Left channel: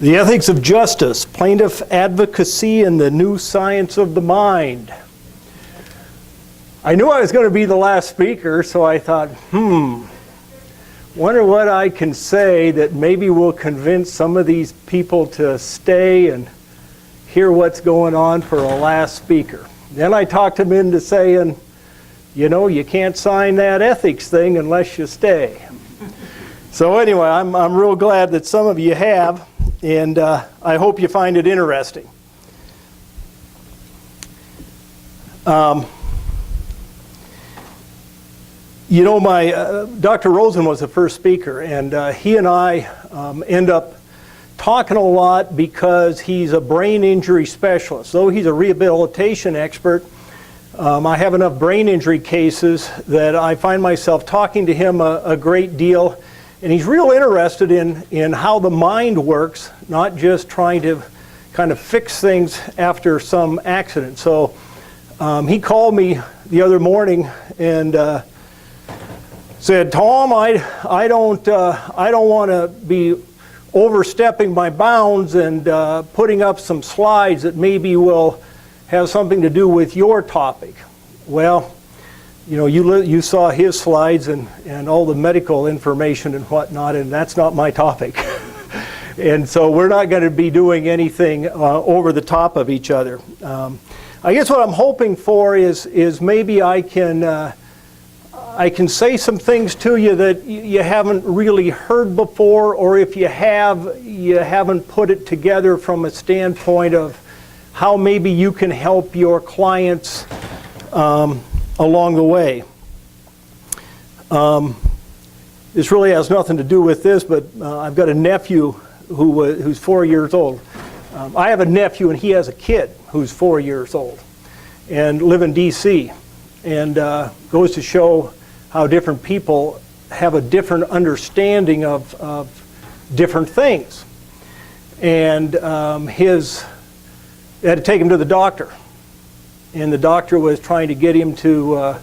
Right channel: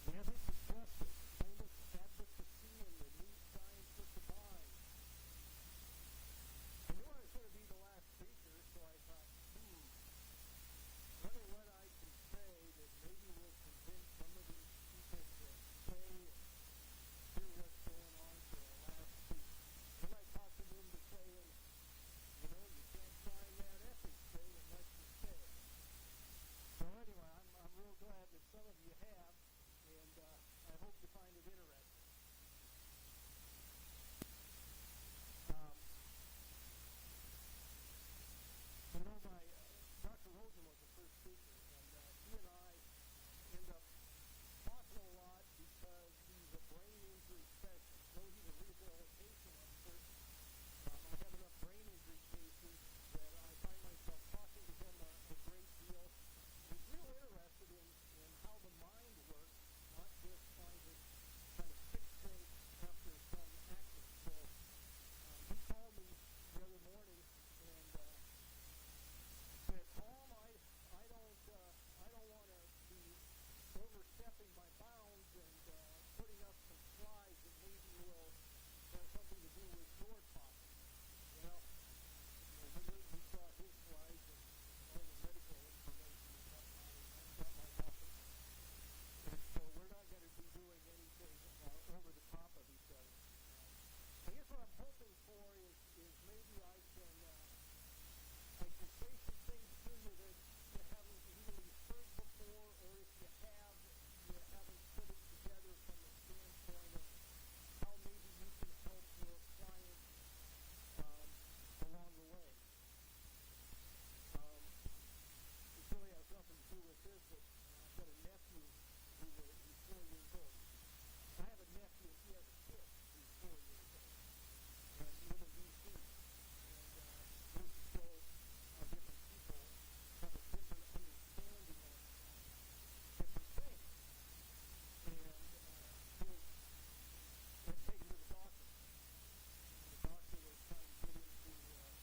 The Ethics of Justice, Plaintiff Advocacy and the New Science of the Mind. I knew I was going to be the last speaker, so I thought, wonder what I can say that maybe will convince some of these people to stay and hear what's going on for a last speaker. Then I talked them into saying, you know, you can't sign that ethics thing unless you stay. So anyway, I'm real glad that some of you have, and I hope you find it interesting. You know, Dr. Rosen was the first speaker, and he and I end up talking a lot because he's a brain injury specialist. Though he's a rehabilitation expert, I have enough brain injury cases that I find myself talking to him a great deal. And he's real interested in how the mind works, not just trying to kind of fix things after some accident. So he called me the other morning and said, "Tom, I don't want to be overstepping my bounds and putting up some slides that maybe will have something to do with your topic." Well, you know, you saw his slides and all the medical information and whatnot, and that's not my topic. And so we're not going to be doing anything over the top of each other. I guess what I'm hoping for is maybe I can say some things to you that you haven't really heard before, or if you have, you haven't put it together from a standpoint of how maybe you can help your clients along the way. This really has nothing to do with this, but I've got a nephew who's 4 years old. I have a nephew and he has a kid who's 4 years old and live in DC, and goes to show how different people have a different understanding of different things. And they had to take him to the doctor. And the doctor was trying to get him to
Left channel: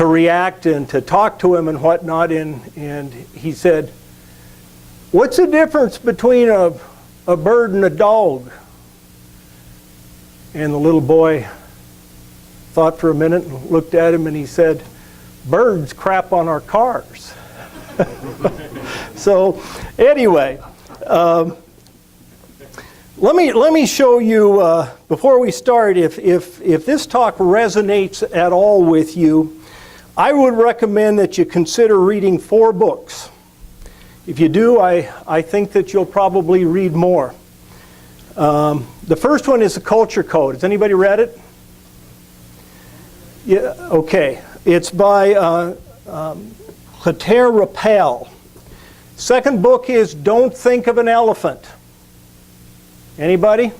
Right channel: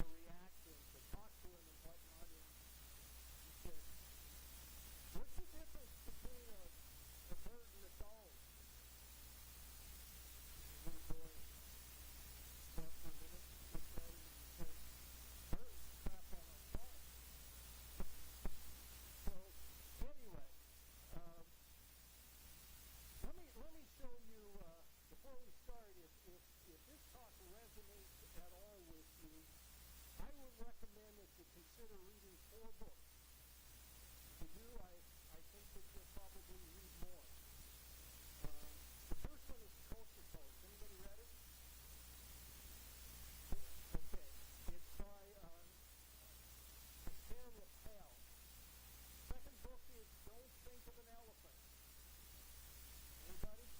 react and to talk to him and whatnot. And he said, "What's the difference between a bird and a dog?" And the little boy thought for a minute and looked at him and he said, "Birds crap on our cars." So anyway, let me show you, before we start, if this talk resonates at all with you, I would recommend that you consider reading 4 books. If you do, I think that you'll probably read more. The first one is The Culture Code. Has anybody read it? Yeah, okay. It's by Claire Rappel. Second book is Don't Think of an Elephant. Anybody?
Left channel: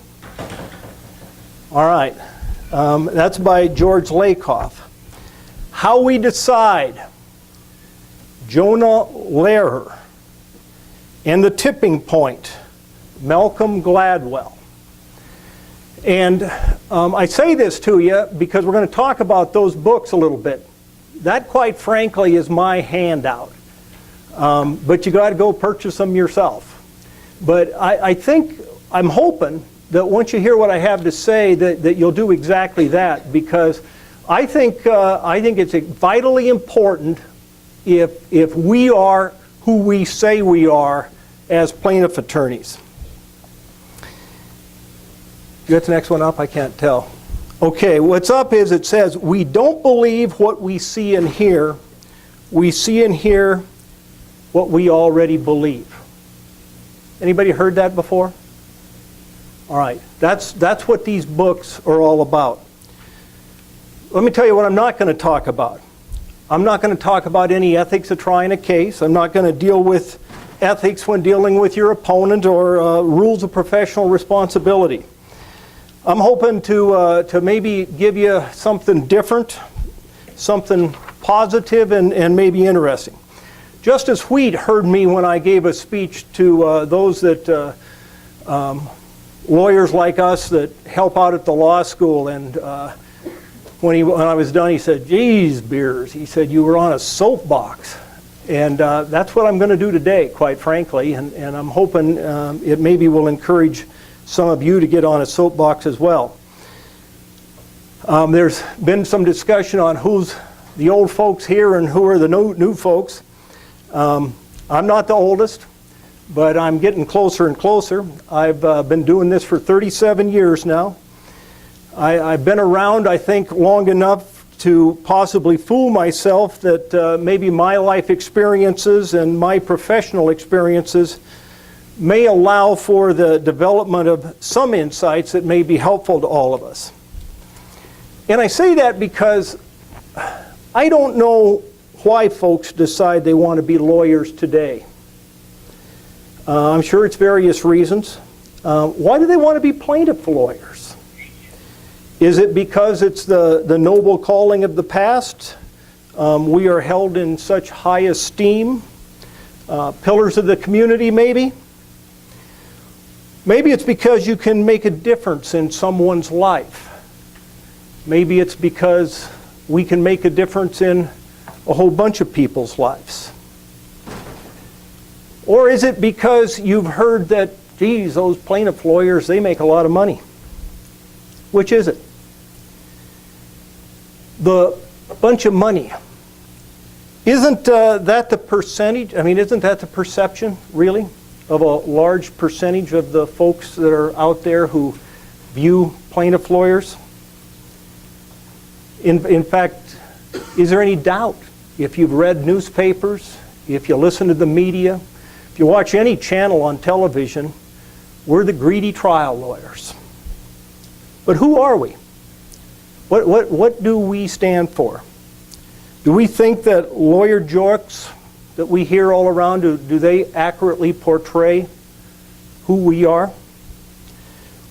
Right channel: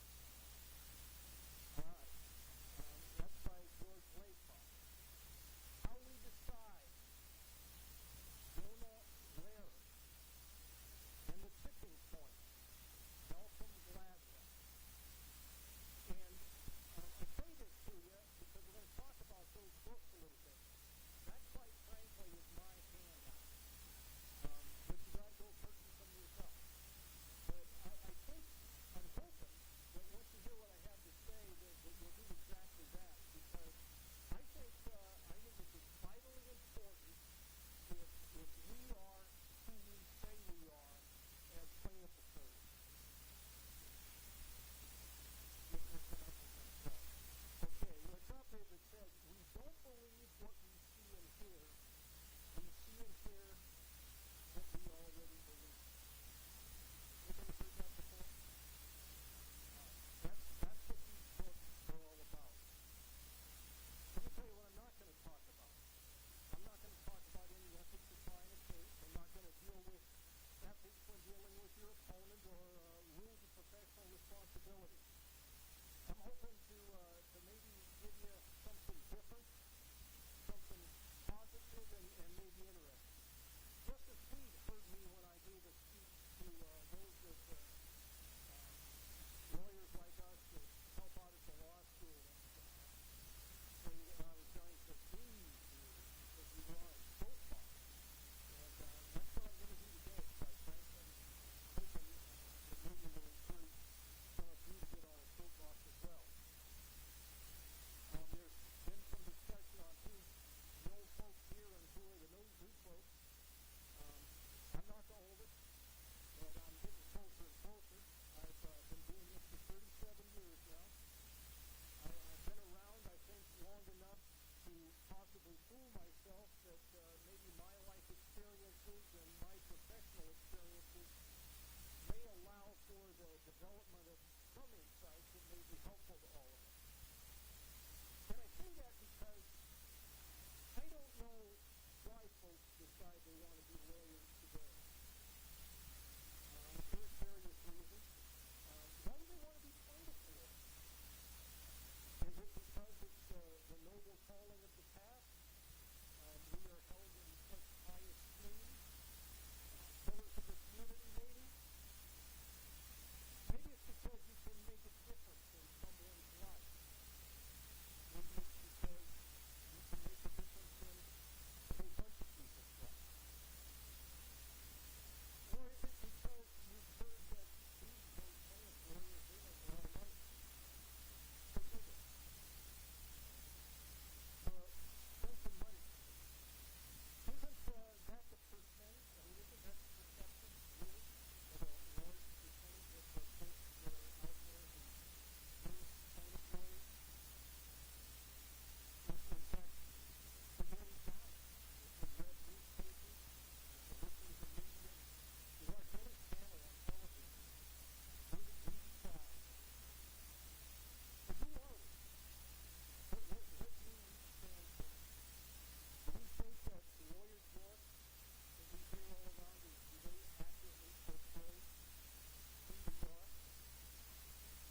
All right. That's by George Lakoff. How We Decide, Jonah Lehrer. And The Tipping Point, Malcolm Gladwell. And I say this to you because we're going to talk about those books a little bit. That, quite frankly, is my handout. But you got to go purchase them yourself. But I'm hoping that once you hear what I have to say, that you'll do exactly that, because I think it's vitally important if we are who we say we are as plaintiff attorneys. You got the next one up? I can't tell. Okay, what's up is it says, "We don't believe what we see and hear. We see and hear what we already believe." Anybody heard that before? All right, that's what these books are all about. Let me tell you what I'm not going to talk about. I'm not going to talk about any ethics of trying a case. I'm not going to deal with ethics when dealing with your opponent or rules of professional responsibility. I'm hoping to maybe give you something different, something positive and maybe interesting. Justice Wheat heard me when I gave a speech to those that lawyers like us that help out at the law school, and when I was done, he said, "Geez, Beers," he said, "you were on a soapbox." And that's what I'm going to do today, quite frankly, and I'm hoping it maybe will encourage some of you to get on a soapbox as well. There's been some discussion on who's the old folks here and who are the new folks. I'm not the oldest, but I'm getting closer and closer. I've been doing this for 37 years now. I've been around, I think, long enough to possibly fool myself that maybe my life experiences and my professional experiences may allow for the development of some insights that may be helpful to all of us. And I say that because I don't know why folks decide they want to be lawyers today. I'm sure it's various reasons. Why do they want to be plaintiff lawyers? Is it because it's the noble calling of the past? We are held in such high esteem. Pillars of the community, maybe? Maybe it's because you can make a difference in someone's life. Maybe it's because we can make a difference in a whole bunch of people's lives. Or is it because you've heard that, geez, those plaintiff lawyers, they make a lot of money? Which is it? The bunch of money. Isn't that the percentage? I mean, isn't that the perception, really, of a large percentage of the folks that are out there who view plaintiff lawyers? In fact, is there any doubt, if you've read newspapers, if you listen to the media, if you watch any channel on television, we're the greedy trial lawyers. But who are we? What do we stand for? Do we think that lawyer jokes that we hear all around, do they accurately portray who we are?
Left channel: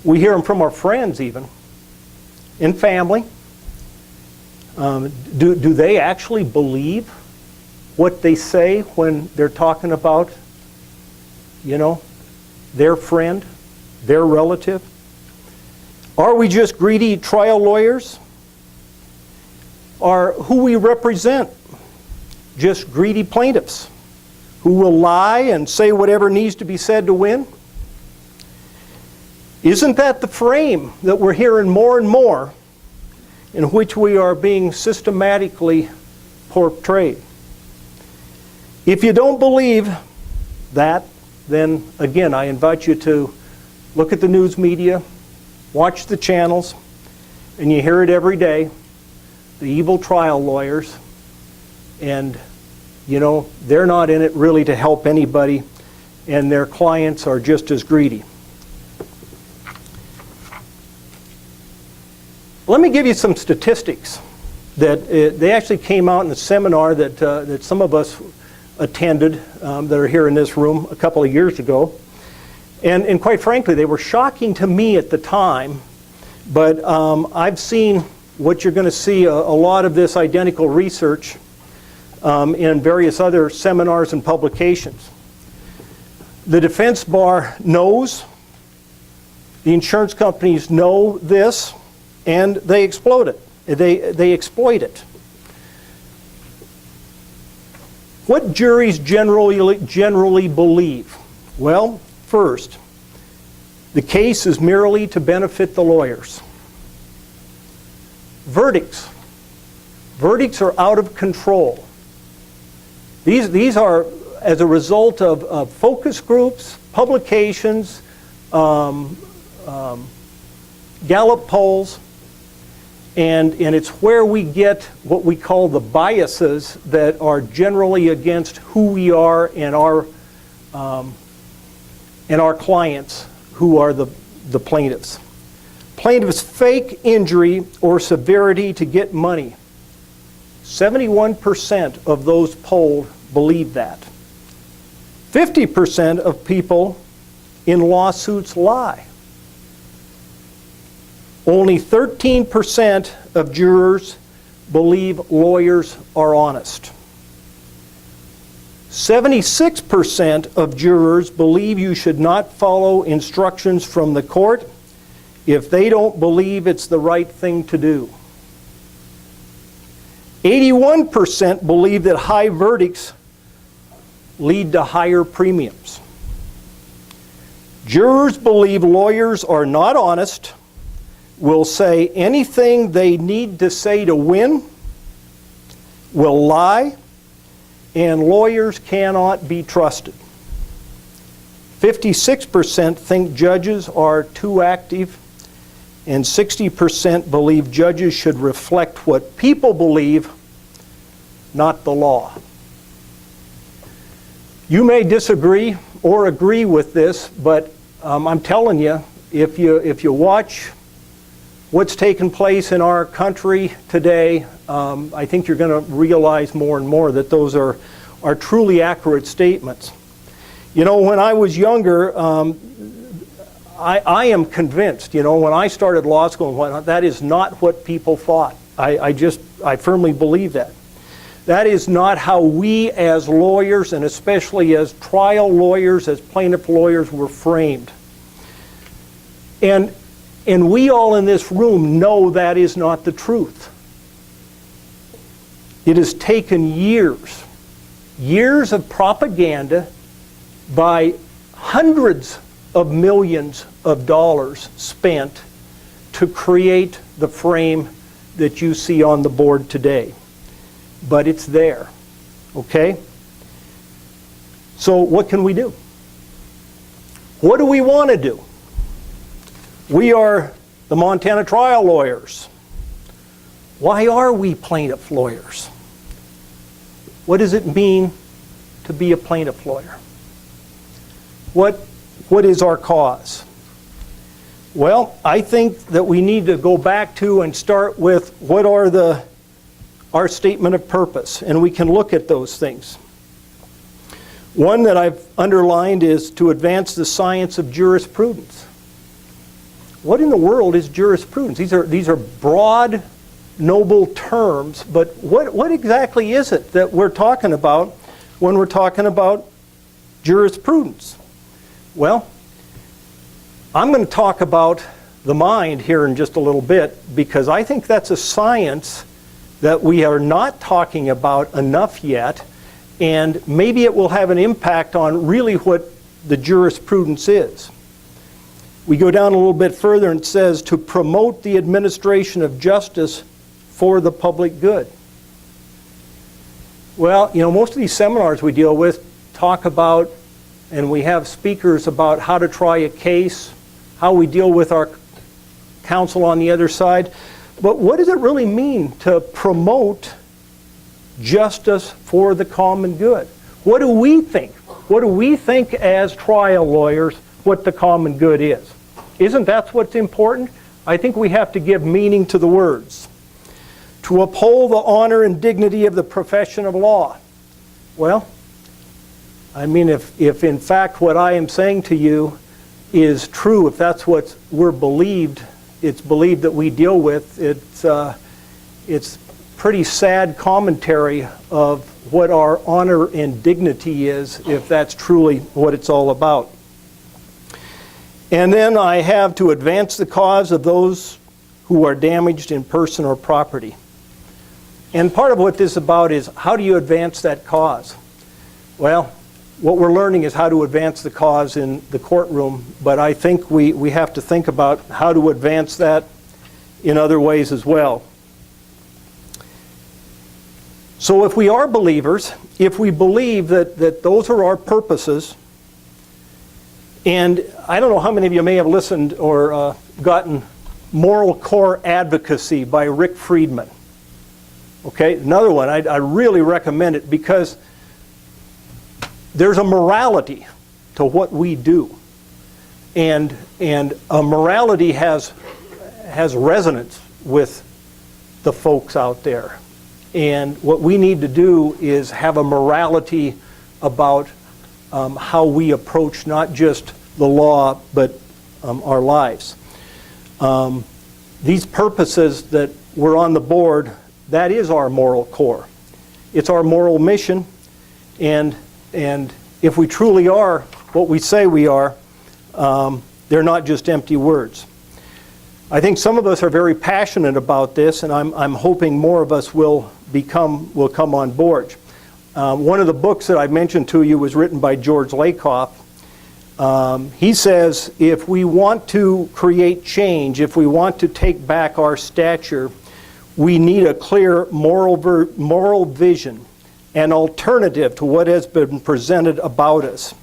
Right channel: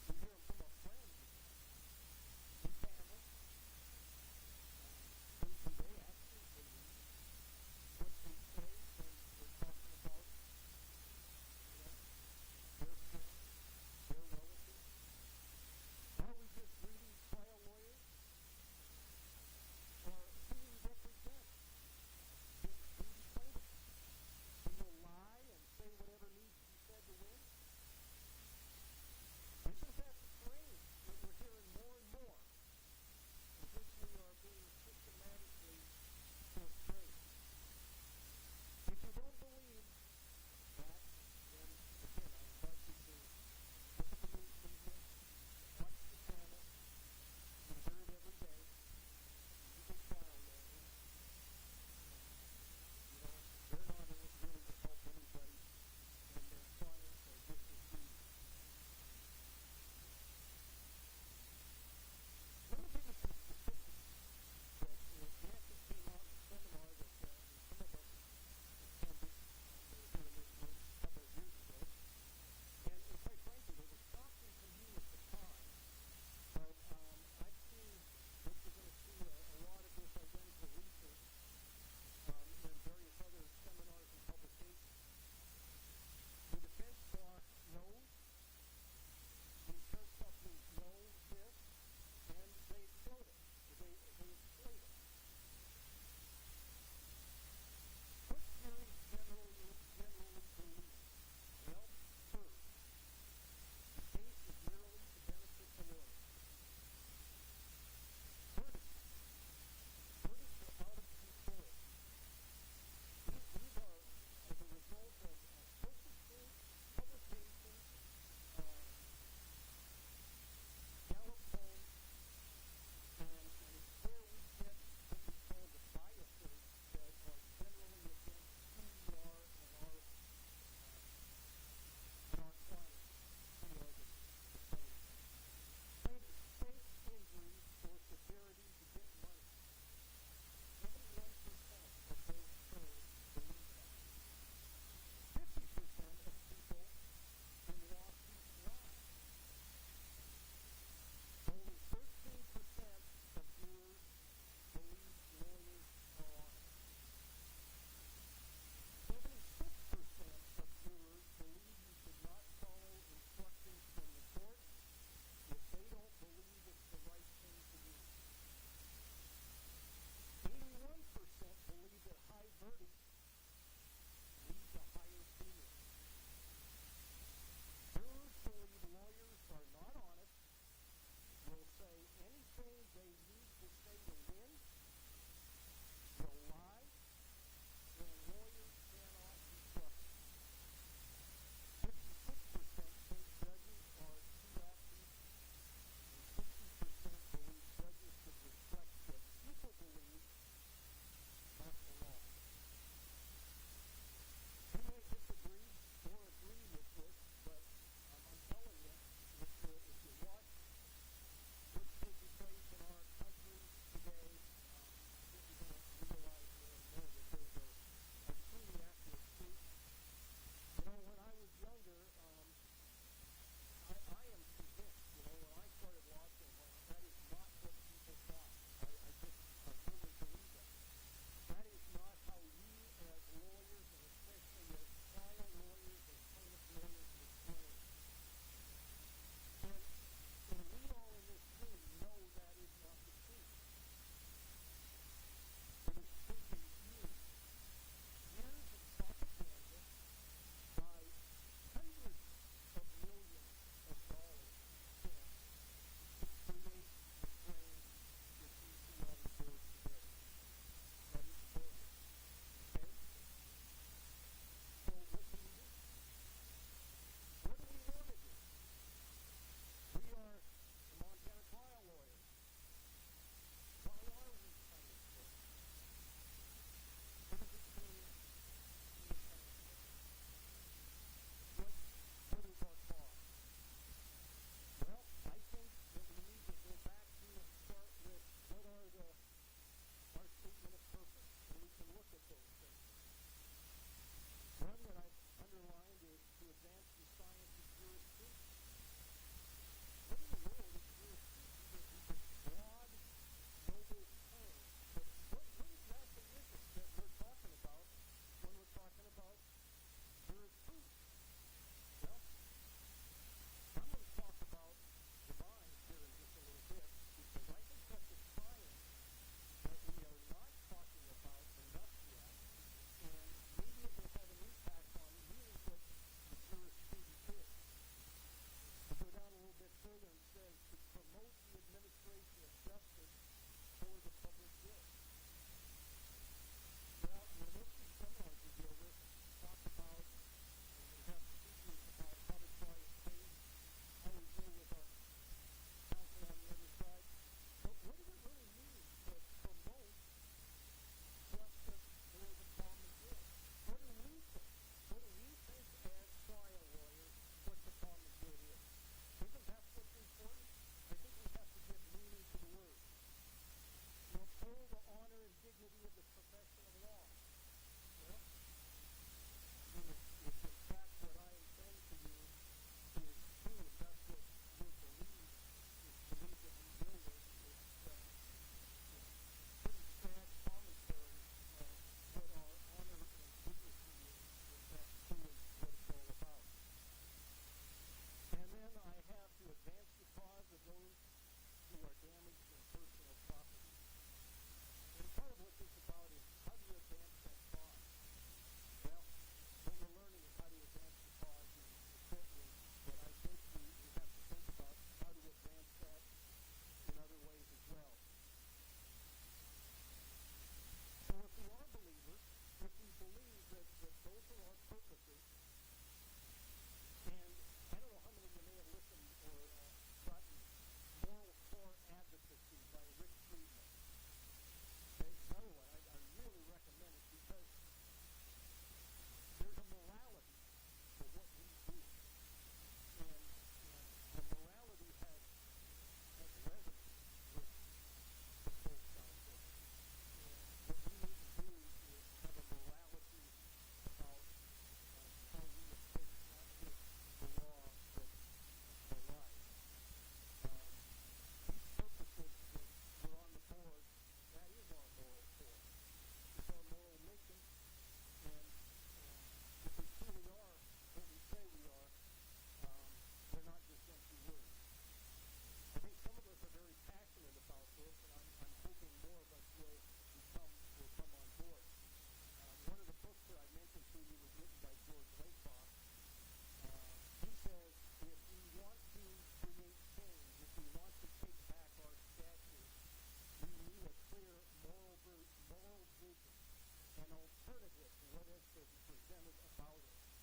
We hear them from our friends even, in family. Do they actually believe what they say when they're talking about, you know, their friend, their relative? Are we just greedy trial lawyers? Are who we represent just greedy plaintiffs who will lie and say whatever needs to be said to win? Isn't that the frame that we're hearing more and more, in which we are being systematically portrayed? If you don't believe that, then again, I invite you to look at the news media, watch the channels, and you hear it every day, the evil trial lawyers, and you know, they're not in it really to help anybody, and their clients are just as greedy. Let me give you some statistics that they actually came out in a seminar that some of us attended that are here in this room a couple of years ago. And quite frankly, they were shocking to me at the time, but I've seen what you're going to see a lot of this identical research in various other seminars and publications. The defense bar knows, the insurance companies know this, and they exploit it. They exploit it. What juries generally believe? Well, first, the case is merely to benefit the lawyers. Verdicts. Verdicts are out of control. These are as a result of focus groups, publications, Gallup polls, and it's where we get what we call the biases that are generally against who we are and our clients, who are the plaintiffs. Plaintiffs fake injury or severity to get money. 71% of those polled believe that. 50% of people in lawsuits lie. Only 13% of jurors believe lawyers are honest. 76% of jurors believe you should not follow instructions from the court if they don't believe it's the right thing to do. 81% believe that high verdicts lead to higher premiums. Jurors believe lawyers are not honest, will say anything they need to say to win, will lie, and lawyers cannot be trusted. 56% think judges are too active, and 60% believe judges should reflect what people believe, not the law. You may disagree or agree with this, but I'm telling you, if you watch what's taken place in our country today, I think you're going to realize more and more that those are truly accurate statements. You know, when I was younger, I am convinced, you know, when I started law school and whatnot, that is not what people thought. I firmly believe that. That is not how we as lawyers, and especially as trial lawyers, as plaintiff lawyers, were framed. And we all in this room know that is not the truth. It has taken years of propaganda by hundreds of millions of dollars spent to create the frame that you see on the board today. But it's there, okay? So what can we do? What do we want to do? We are the Montana trial lawyers. Why are we plaintiff lawyers? What does it mean to be a plaintiff lawyer? What is our cause? Well, I think that we need to go back to and start with what are our statement of purpose, and we can look at those things. One that I've underlined is to advance the science of jurisprudence. What in the world is jurisprudence? These are broad, noble terms, but what exactly is it that we're talking about when we're talking about jurisprudence? Well, I'm going to talk about the mind here in just a little bit, because I think that's a science that we are not talking about enough yet, and maybe it will have an impact on really what the jurisprudence is. We go down a little bit further and it says to promote the administration of justice for the public good. Well, you know, most of these seminars we deal with talk about, and we have speakers about how to try a case, how we deal with our counsel on the other side. But what does it really mean to promote justice for the common good? What do we think? What do we think as trial lawyers what the common good is? Isn't that what's important? I think we have to give meaning to the words. To uphold the honor and dignity of the profession of law. Well, I mean, if in fact what I am saying to you is true, if that's what we're believed, it's believed that we deal with, it's pretty sad commentary of what our honor and dignity is, if that's truly what it's all about. And then I have to advance the cause of those who are damaged in person or property. And part of what this is about is, how do you advance that cause? Well, what we're learning is how to advance the cause in the courtroom, but I think we have to think about how to advance that in other ways as well. So if we are believers, if we believe that those are our purposes, and I don't know how many of you may have listened or gotten Moral Core Advocacy by Rick Friedman. Okay, another one, I really recommend it, because there's a morality to what we do, and a morality has resonance with the folks out there, and what we need to do is have a morality about how we approach not just the law but our lives. These purposes that were on the board, that is our moral core. It's our moral mission, and if we truly are what we say we are, they're not just empty words. I think some of us are very passionate about this, and I'm hoping more of us will come on board. One of the books that I mentioned to you was written by George Lakoff. He says, if we want to create change, if we want to take back our stature, we need a clear moral vision, an alternative to what has been presented about us.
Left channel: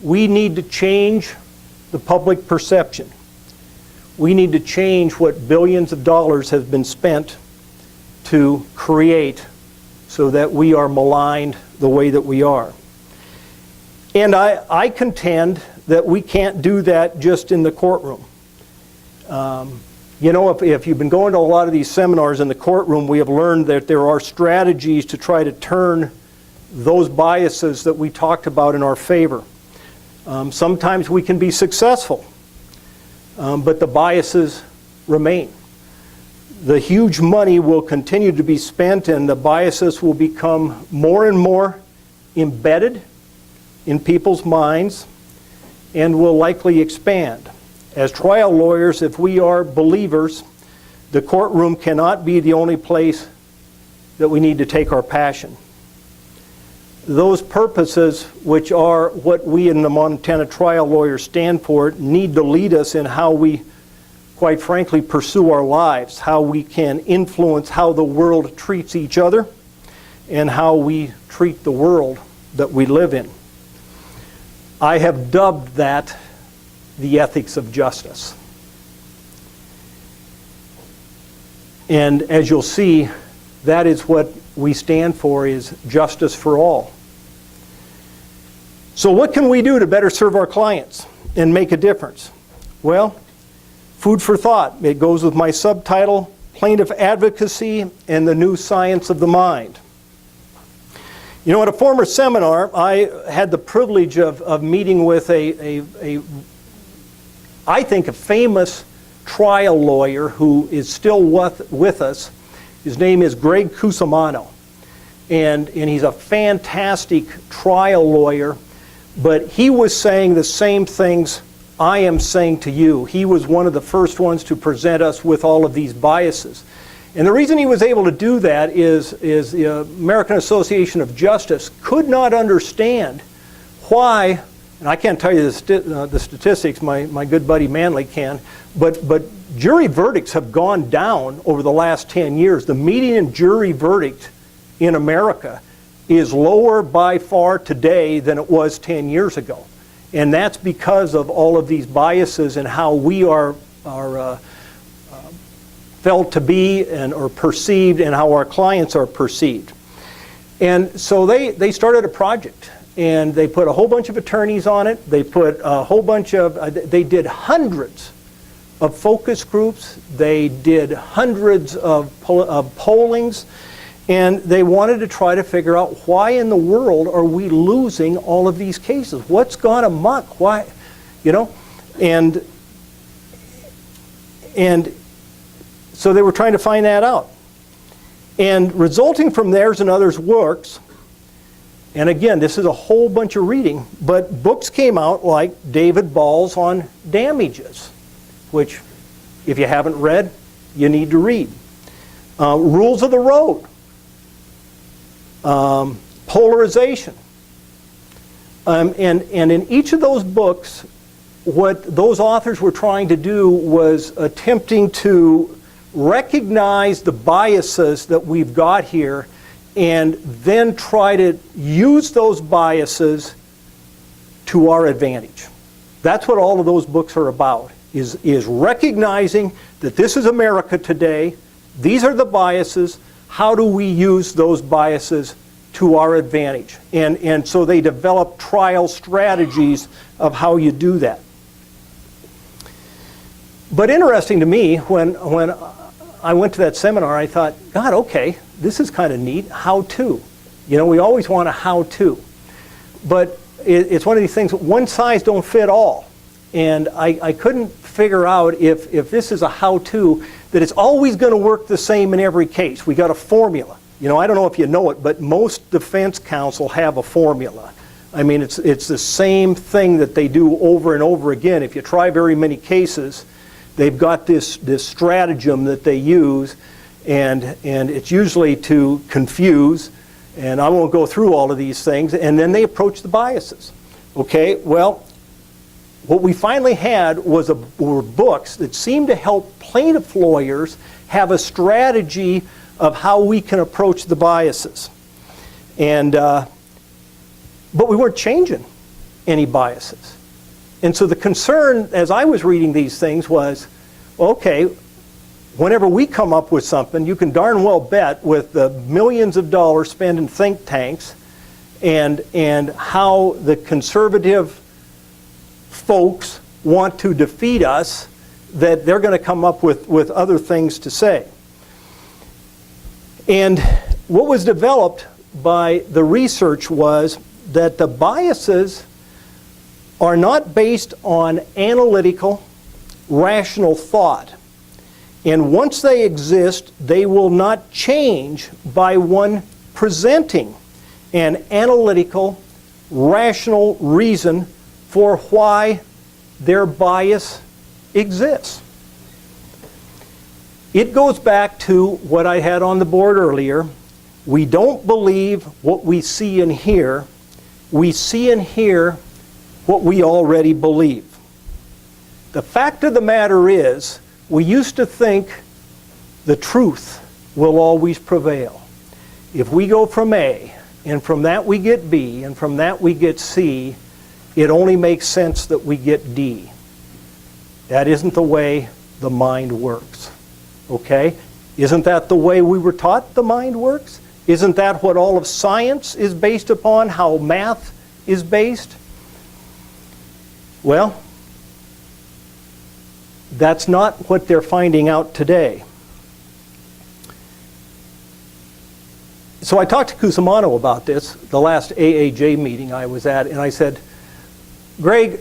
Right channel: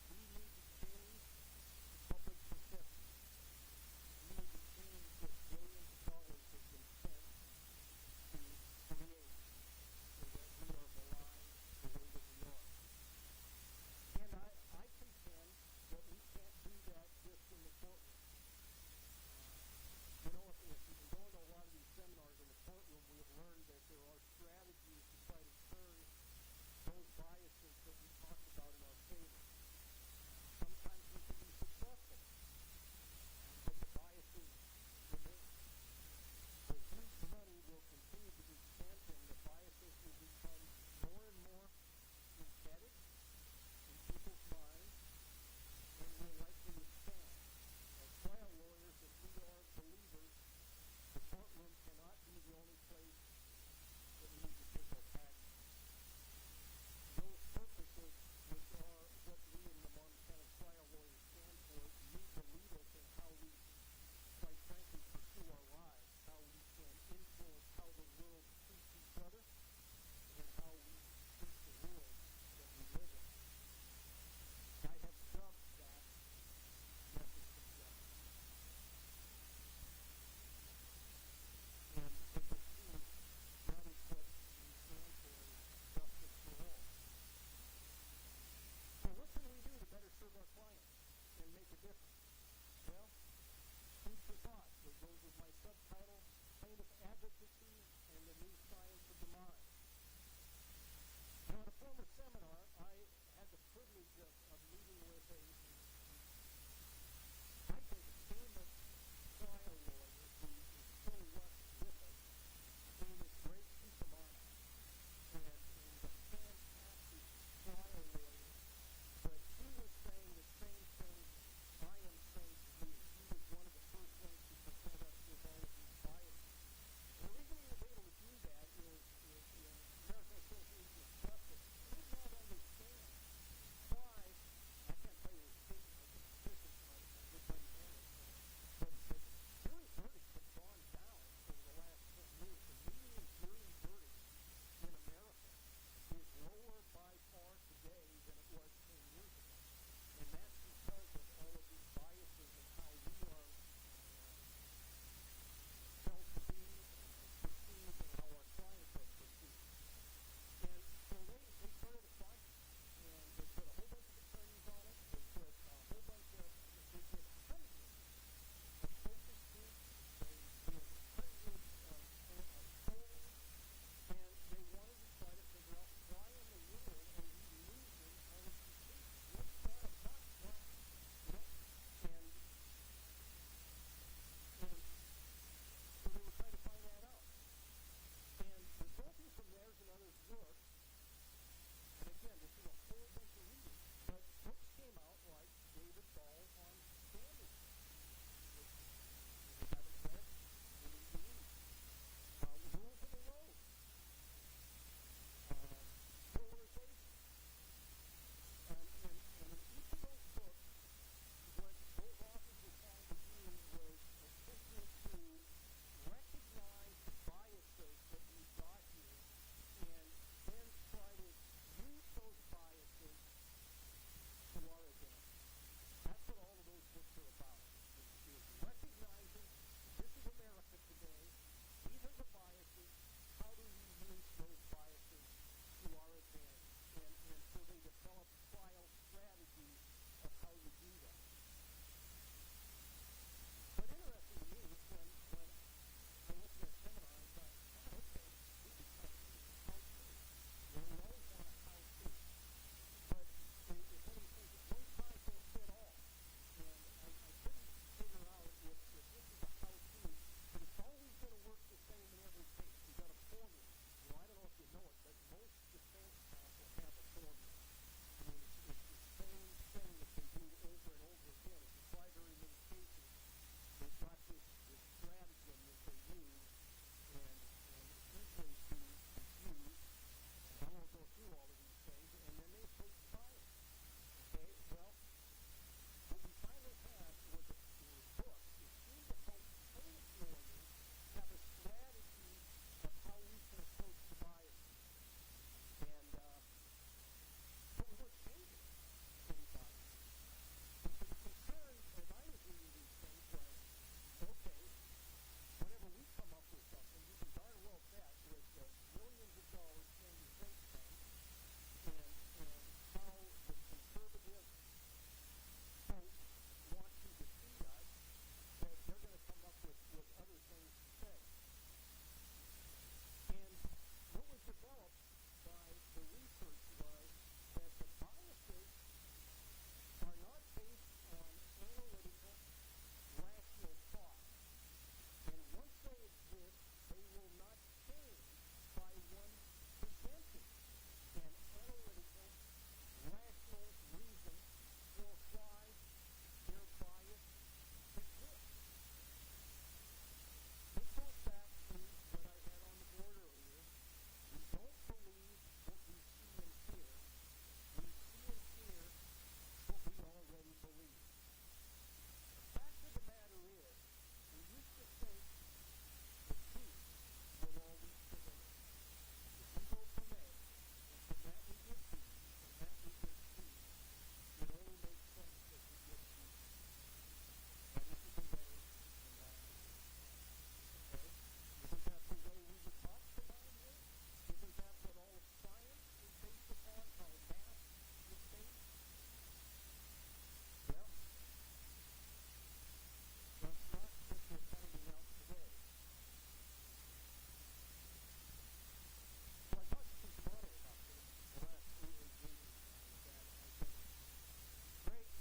We need to change the public perception. We need to change what billions of dollars have been spent to create so that we are maligned the way that we are. And I contend that we can't do that just in the courtroom. You know, if you've been going to a lot of these seminars in the courtroom, we have learned that there are strategies to try to turn those biases that we talked about in our favor. Sometimes we can be successful, but the biases remain. The huge money will continue to be spent, and the biases will become more and more embedded in people's minds and will likely expand. As trial lawyers, if we are believers, the courtroom cannot be the only place that we need to take our passion. Those purposes, which are what we in the Montana trial lawyers stand for, need to lead us in how we, quite frankly, pursue our lives, how we can influence how the world treats each other, and how we treat the world that we live in. I have dubbed that the ethics of justice. And as you'll see, that is what we stand for, is justice for all. So what can we do to better serve our clients and make a difference? Well, food for thought. It goes with my subtitle, Plaintiff Advocacy and the New Science of the Mind. You know, at a former seminar, I had the privilege of meeting with I think a famous trial lawyer who is still with us. His name is Greg Cusimano. And he's a fantastic trial lawyer, but he was saying the same things I am saying to you. He was one of the first ones to present us with all of these biases. And the reason he was able to do that is the American Association of Justice could not understand why, and I can't tell you the statistics, my good buddy Manley can, but jury verdicts have gone down over the last 10 years. The median jury verdict in America is lower by far today than it was 10 years ago. And that's because of all of these biases and how we are felt to be or perceived, and how our clients are perceived. And so they started a project, and they put a whole bunch of attorneys on it. They put a whole bunch of, they did hundreds of focus groups. They did hundreds of pollings, and they wanted to try to figure out why in the world are we losing all of these cases? What's gone amok? Why, you know? And so they were trying to find that out. And resulting from theirs and others' works, and again, this is a whole bunch of reading, but books came out like David Ball's on damages, which if you haven't read, you need to read. Rules of the Road, Polarization. And in each of those books, what those authors were trying to do was attempting to recognize the biases that we've got here and then try to use those biases to our advantage. That's what all of those books are about, is recognizing that this is America today, these are the biases, how do we use those biases to our advantage? And so they develop trial strategies of how you do that. But interesting to me, when I went to that seminar, I thought, God, okay, this is kind of neat. How to. You know, we always want a how to. But it's one of these things, one size don't fit all. And I couldn't figure out if this is a how to, that it's always going to work the same in every case. We got a formula. You know, I don't know if you know it, but most defense counsel have a formula. I mean, it's the same thing that they do over and over again. If you try very many cases, they've got this stratagem that they use, and it's usually to confuse And I won't go through all of these things. And then they approach the biases. Okay, well, what we finally had were books that seemed to help plaintiff lawyers have a strategy of how we can approach the biases. And, but we weren't changing any biases. And so the concern, as I was reading these things, was, okay, whenever we come up with something, you can darn well bet with the millions of dollars spent in think tanks and how the conservative folks want to defeat us, that they're going to come up with other things to say. And what was developed by the research was that the biases are not based on analytical, rational thought. And once they exist, they will not change by one presenting an analytical, rational reason for why their bias exists. It goes back to what I had on the board earlier. We don't believe what we see and hear. We see and hear what we already believe. The fact of the matter is, we used to think the truth will always prevail. If we go from A, and from that we get B, and from that we get C, it only makes sense that we get D. That isn't the way the mind works. Okay? Isn't that the way we were taught the mind works? Isn't that what all of science is based upon, how math is based? Well, that's not what they're finding out today. So I talked to Cusimano about this, the last AAJ meeting I was at, and I said, Greg,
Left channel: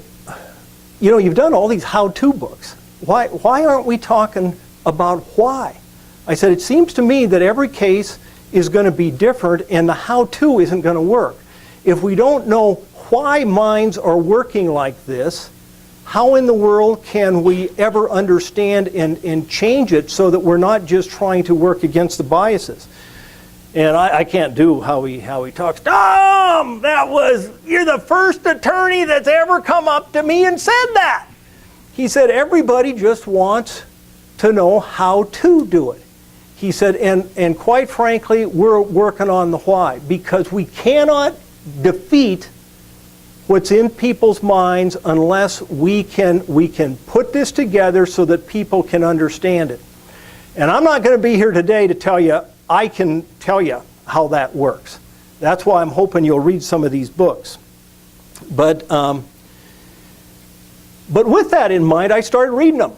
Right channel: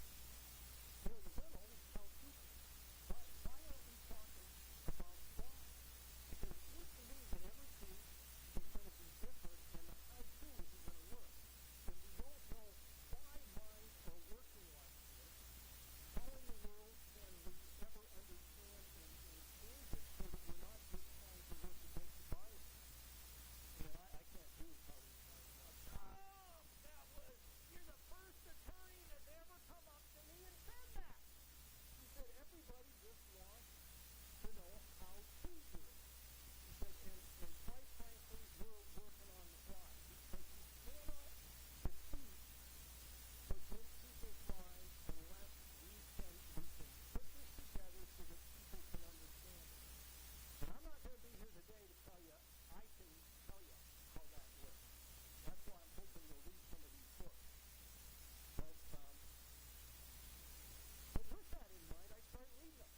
you know, you've done all these how-to books. Why aren't we talking about why? I said, it seems to me that every case is going to be different and the how-to isn't going to work. If we don't know why minds are working like this, how in the world can we ever understand and change it so that we're not just trying to work against the biases? And I can't do how he talks. Tom, you're the first attorney that's ever come up to me and said that. He said, everybody just wants to know how to do it. He said, and quite frankly, we're working on the why, because we cannot defeat what's in people's minds unless we can put this together so that people can understand it. And I'm not going to be here today to tell you, I can tell you how that works. That's why I'm hoping you'll read some of these books. But with that in mind, I started reading them.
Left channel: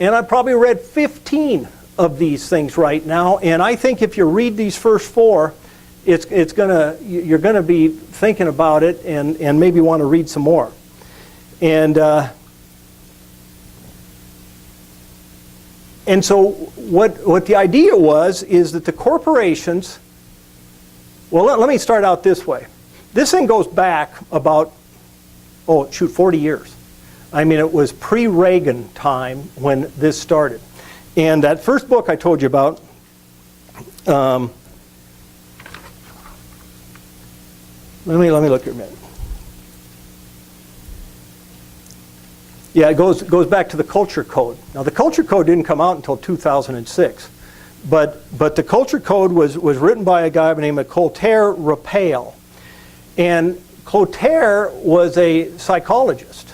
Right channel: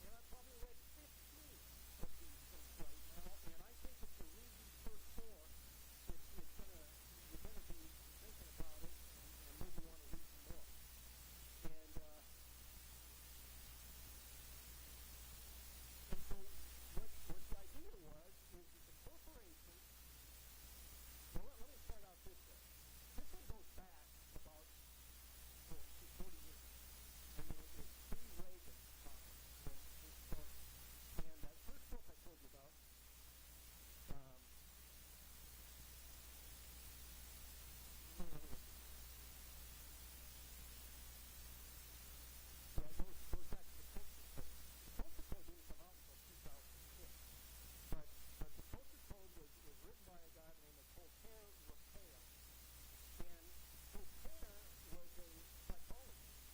And I probably read 15 of these things right now. And I think if you read these first 4, you're gonna be thinking about it and maybe want to read some more. And so what the idea is that the corporations, well, let me start out this way. This thing goes back about, 40 years. I mean, it was pre-Reagan time when this started. And that first book I told you about, let me look here a minute. Yeah, it goes back to the Culture Code. Now, the Culture Code didn't come out until 2006, but the Culture Code was written by a guy named Clotaire Raphael, and Clotaire was a psychologist,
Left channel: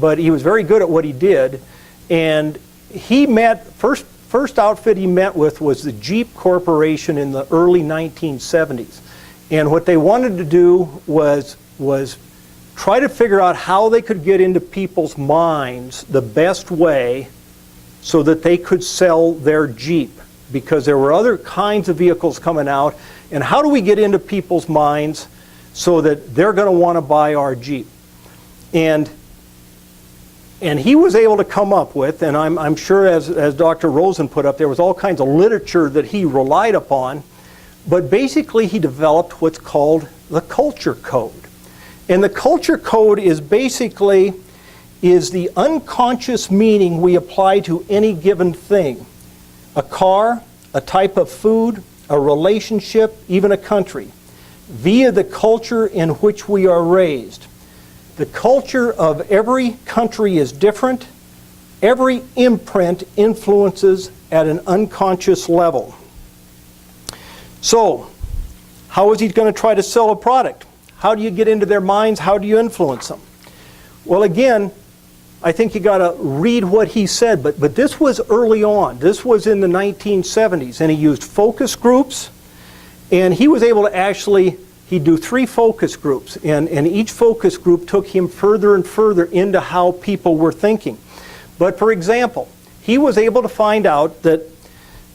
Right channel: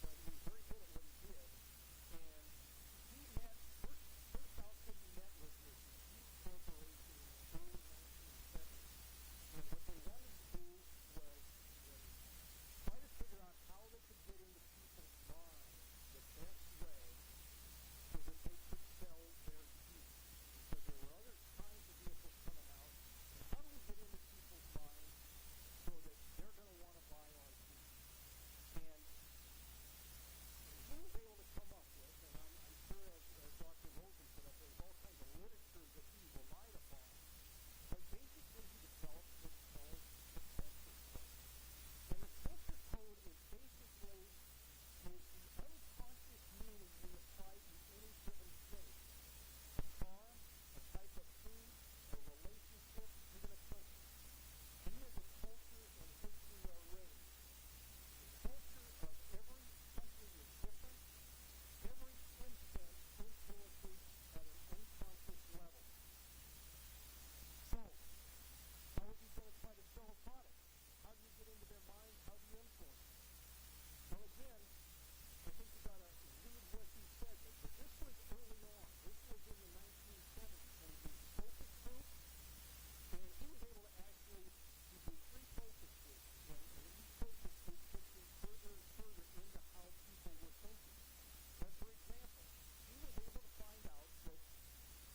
but he was very good at what he did, and he met first outfit he met with was the Jeep Corporation in the early 1970s, and what they wanted to do was try to figure out how they could get into people's minds the best way so that they could sell their Jeep, because there were other kinds of vehicles coming out, and how do we get into people's minds so that they're going to want to buy our Jeep? And he was able to come up with, and I'm sure as Dr. Rosen put up, there was all kinds of literature that he relied upon, but basically he developed what's called the Culture Code. And the Culture Code is basically the unconscious meaning we apply to any given thing. A car, a type of food, a relationship, even a country. via the culture in which we are raised. The culture of every country is different. Every imprint influences at an unconscious level. So, how is he going to try to sell a product? How do you get into their minds? How do you influence them? Well, again, I think you got to read what he said, but this was early on. This was in the 1970s, and he used focus groups, and he was able to actually, he'd do 3 focus groups, and each focus group took him further and further into how people were thinking. But for example, he was able to find out that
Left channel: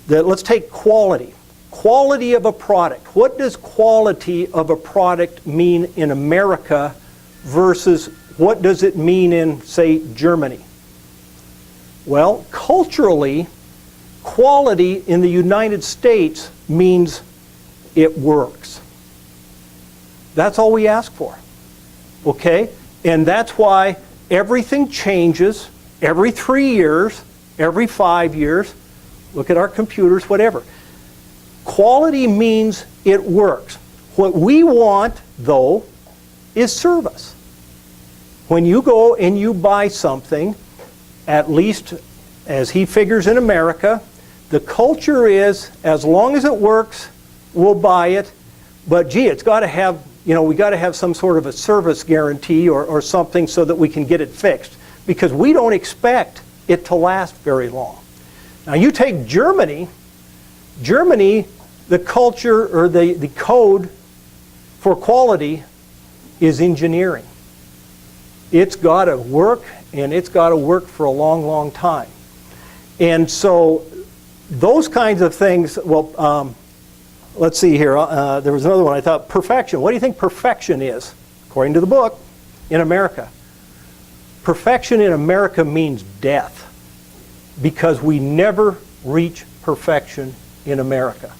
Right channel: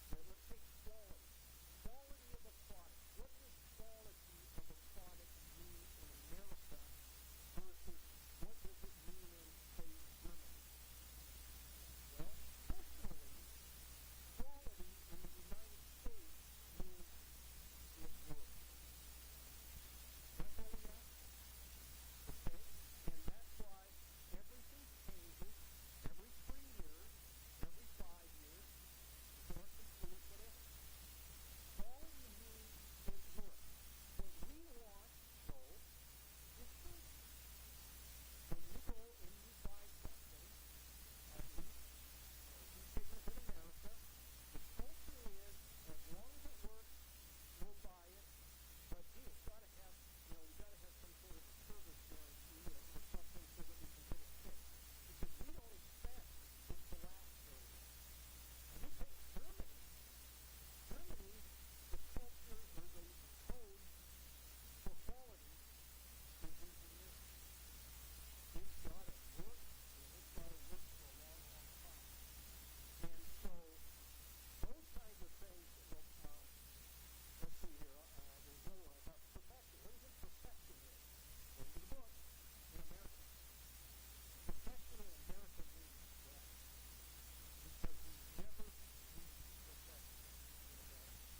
let's take quality. Quality of a product. What does quality of a product mean in America versus what does it mean in, say, Germany? Well, culturally, quality in the United States means it works. That's all we ask for. Okay? And that's why everything changes every 3 years, every 5 years. Look at our computers, whatever. Quality means it works. What we want, though, is service. When you go and you buy something, at least as he figures in America, the culture is, as long as it works, we'll buy it. But gee, it's got to have, we got to have some sort of a service guarantee or something so that we can get it fixed. Because we don't expect it to last very long. Now you take Germany, the culture or the code for quality is engineering. It's got to work, and it's got to work for a long, long time. And so those kinds of things, well, let's see here. There was another one I thought, perfection. What do you think perfection is, according to the book, in America? Perfection in America means death, because we never reach perfection in America.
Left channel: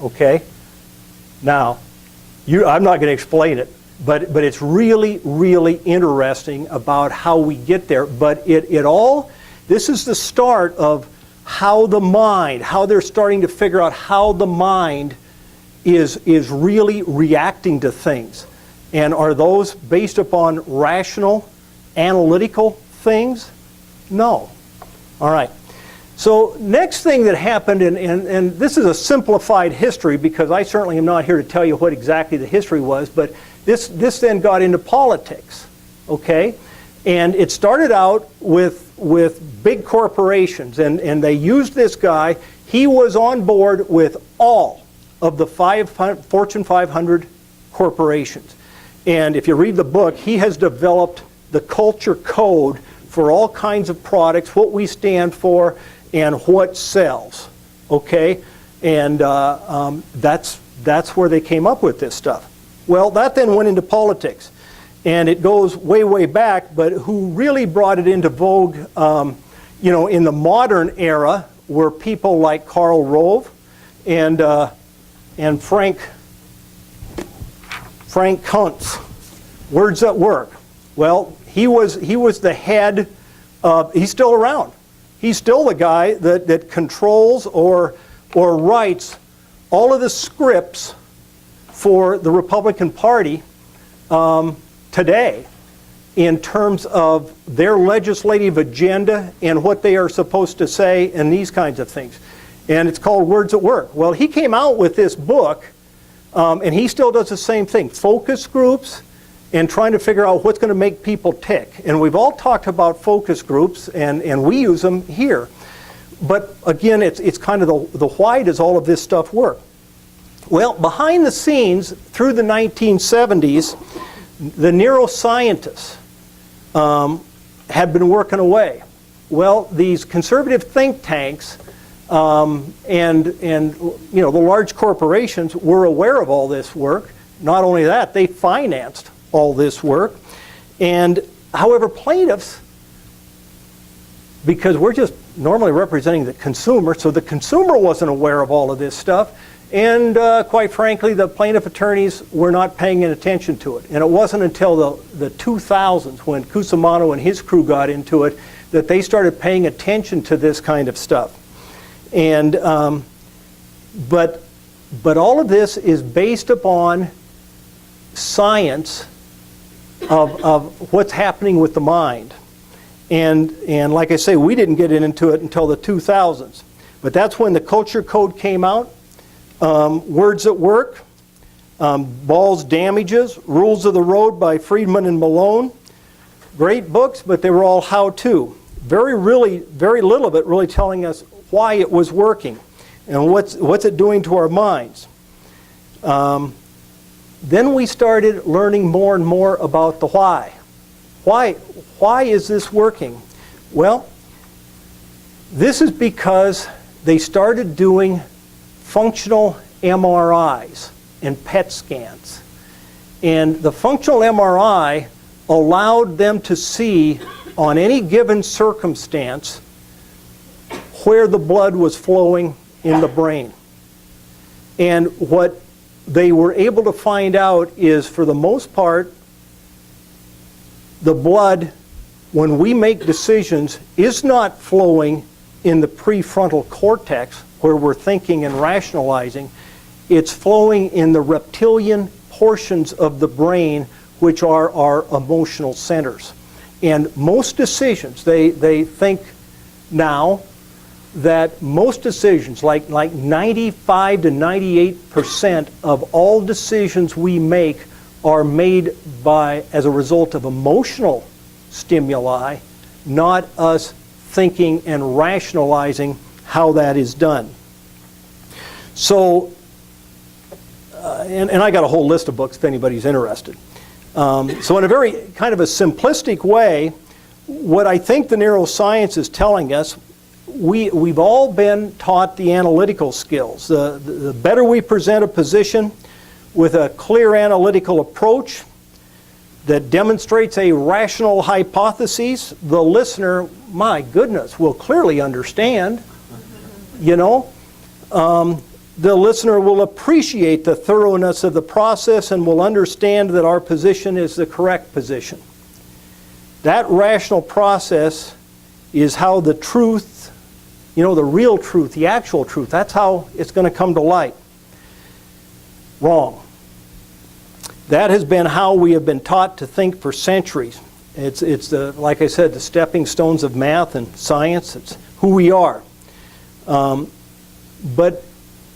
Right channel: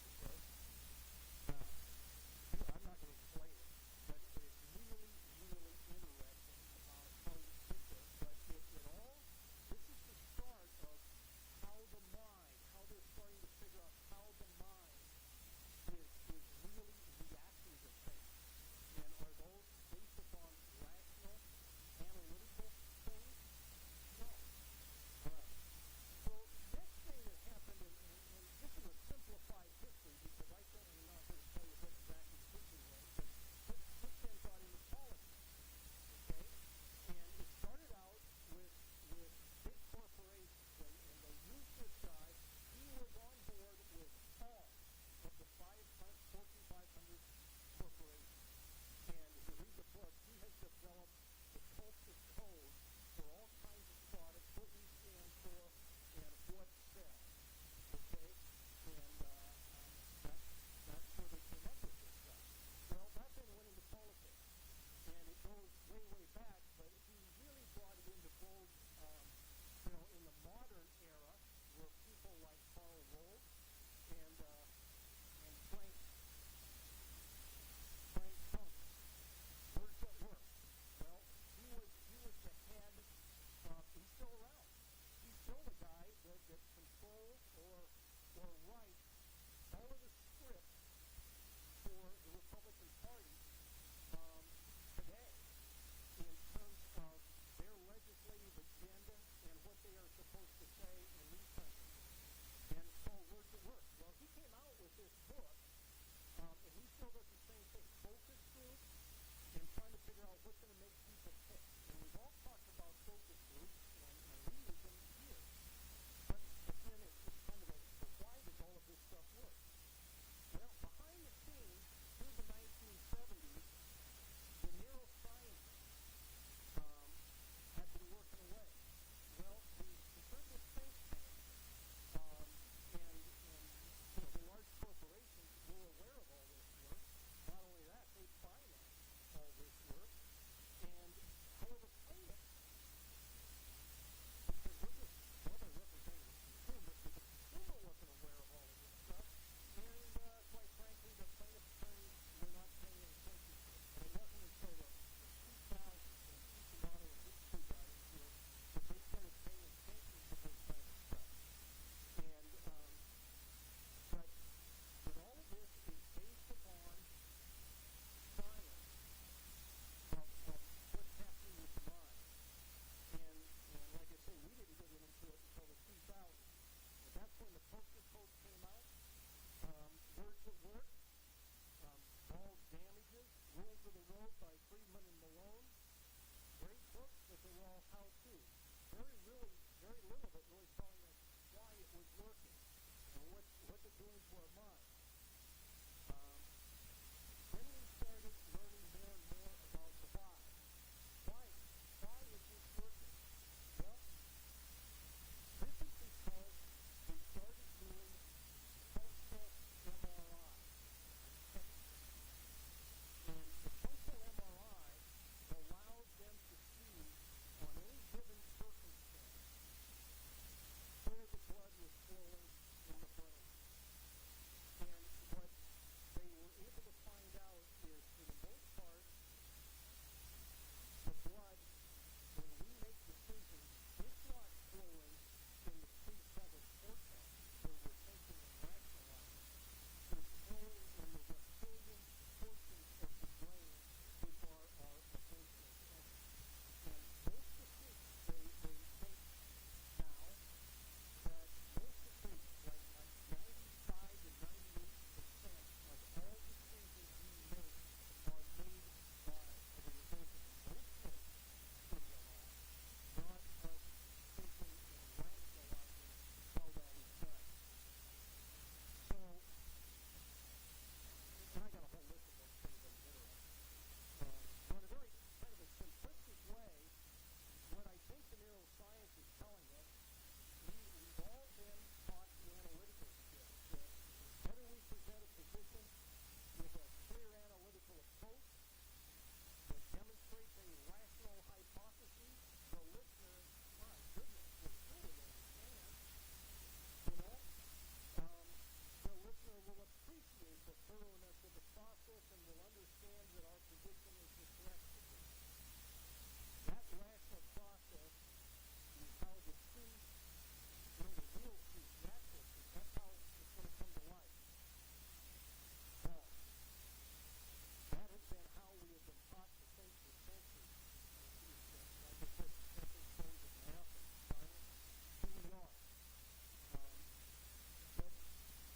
Okay? Now, I'm not going to explain it, but it's really, really interesting about how we get there. But this is the start of how they're starting to figure out how the mind is really reacting to things. And are those based upon rational, analytical things? No. All right. So next thing that happened, and this is a simplified history because I certainly am not here to tell you what exactly the history was, but this then got into politics, okay? And it started out with big corporations, and they used this guy. He was on board with all of the Fortune 500 corporations. And if you read the book, he has developed the culture code for all kinds of products, what we stand for, and what sells, okay? And that's where they came up with this stuff. Well, that then went into politics. And it goes way, way back, but who really brought it into vogue, in the modern era were people like Karl Rove and Frank Kuntz, Words at Work. Well, he was the head of, he's still around. He's still the guy that controls or writes all of the scripts for the Republican Party today in terms of their legislative agenda and what they are supposed to say and these kinds of things. And it's called Words at Work. Well, he came out with this book, and he still does the same thing. Focus groups and trying to figure out what's going to make people tick. And we've all talked about focus groups, and we use them here. But again, it's kind of the why does all of this stuff work? Well, behind the scenes, through the 1970s, the neuroscientists had been working away. Well, these conservative think tanks and the large corporations were aware of all this work. Not only that, they financed all this work. And however, plaintiffs, because we're just normally representing the consumer, so the consumer wasn't aware of all of this stuff. And quite frankly, the plaintiff attorneys were not paying attention to it. And it wasn't until the 2000s, when Cusimano and his crew got into it, that they started paying attention to this kind of stuff. And but But all of this is based upon science of what's happening with the mind. And like I say, we didn't get into it until the 2000s. But that's when the Culture Code came out. Words at Work, Ball's Damages, Rules of the Road by Friedman and Malone. Great books, but they were all how-to. Very little of it really telling us why it was working and what's it doing to our minds. Then we started learning more and more about the why. Why is this working? Well, this is because they started doing functional MRIs and PET scans. And the functional MRI allowed them to see on any given circumstance where the blood was flowing in the brain. And what they were able to find out is, for the most part, the blood, when we make decisions, is not flowing in the prefrontal cortex where we're thinking and rationalizing. It's flowing in the reptilian portions of the brain, which are our emotional centers. And most decisions, they think now that most decisions, like 95 to 98% of all decisions we make are made as a result of emotional stimuli, not us thinking and rationalizing how that is done. So, and I got a whole list of books if anybody's interested. So in a very kind of a simplistic way, what I think the neuroscience is telling us, we've all been taught the analytical skills. The better we present a position with a clear analytical approach that demonstrates a rational hypothesis, the listener, my goodness, will clearly understand. You know, the listener will appreciate the thoroughness of the process and will understand that our position is the correct position. That rational process is how the truth, you know, the real truth, the actual truth, that's how it's going to come to light. Wrong. That has been how we have been taught to think for centuries. It's the, like I said, the stepping stones of math and science. It's who we are. But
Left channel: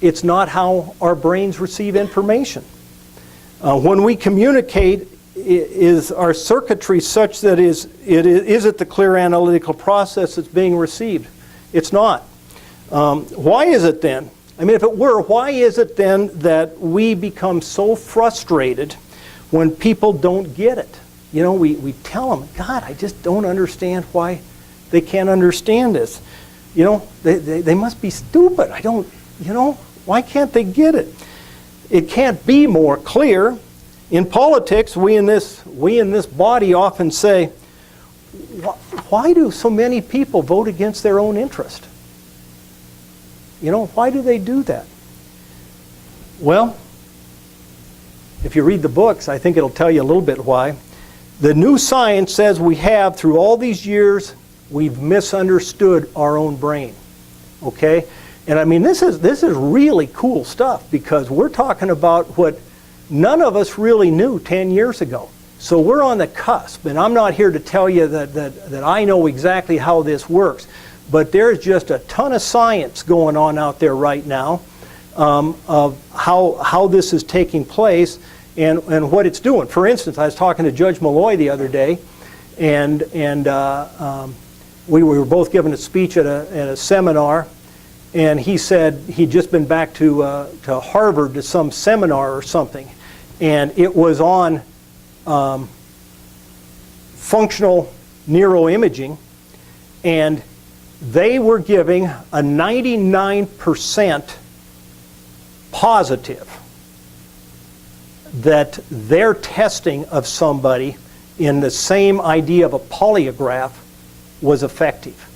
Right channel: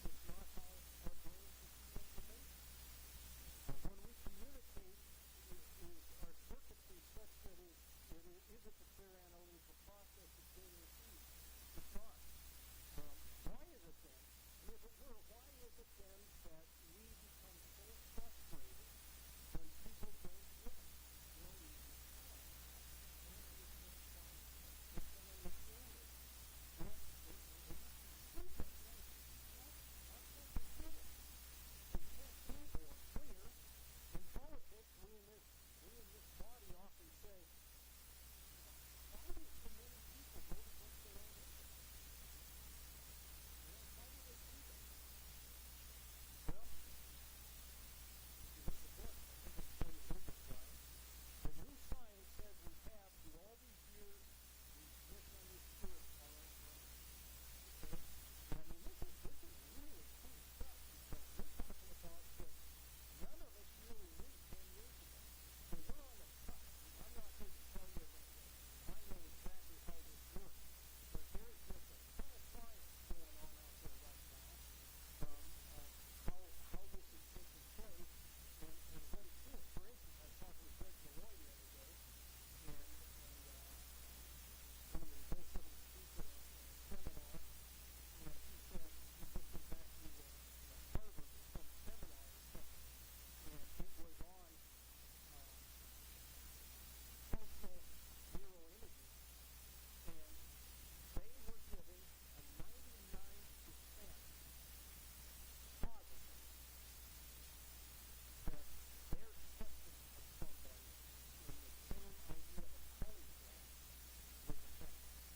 it's not how our brains receive information. When we communicate, is our circuitry such that is it the clear analytical process that's being received? It's not. Why is it then? I mean, if it were, why is it then that we become so frustrated when people don't get it? You know, we tell them, God, I just don't understand why they can't understand this. You know, they must be stupid. I don't, you know, why can't they get it? It can't be more clear. In politics, we in this body often say, why do so many people vote against their own interest? You know, why do they do that? Well, if you read the books, I think it'll tell you a little bit why. The new science says we have, through all these years, we've misunderstood our own brain. Okay? And I mean, this is really cool stuff, because we're talking about what none of us really knew 10 years ago. So we're on the cusp, and I'm not here to tell you that I know exactly how this works, but there's just a ton of science going on out there right now of how this is taking place and what it's doing. For instance, I was talking to Judge Malloy the other day, and we were both given a speech at a seminar, and he said he'd just been back to Harvard to some seminar or something, and it was on functional neuroimaging, and they were giving a 99% positive that their testing of somebody in the same idea of a polygraph was effective.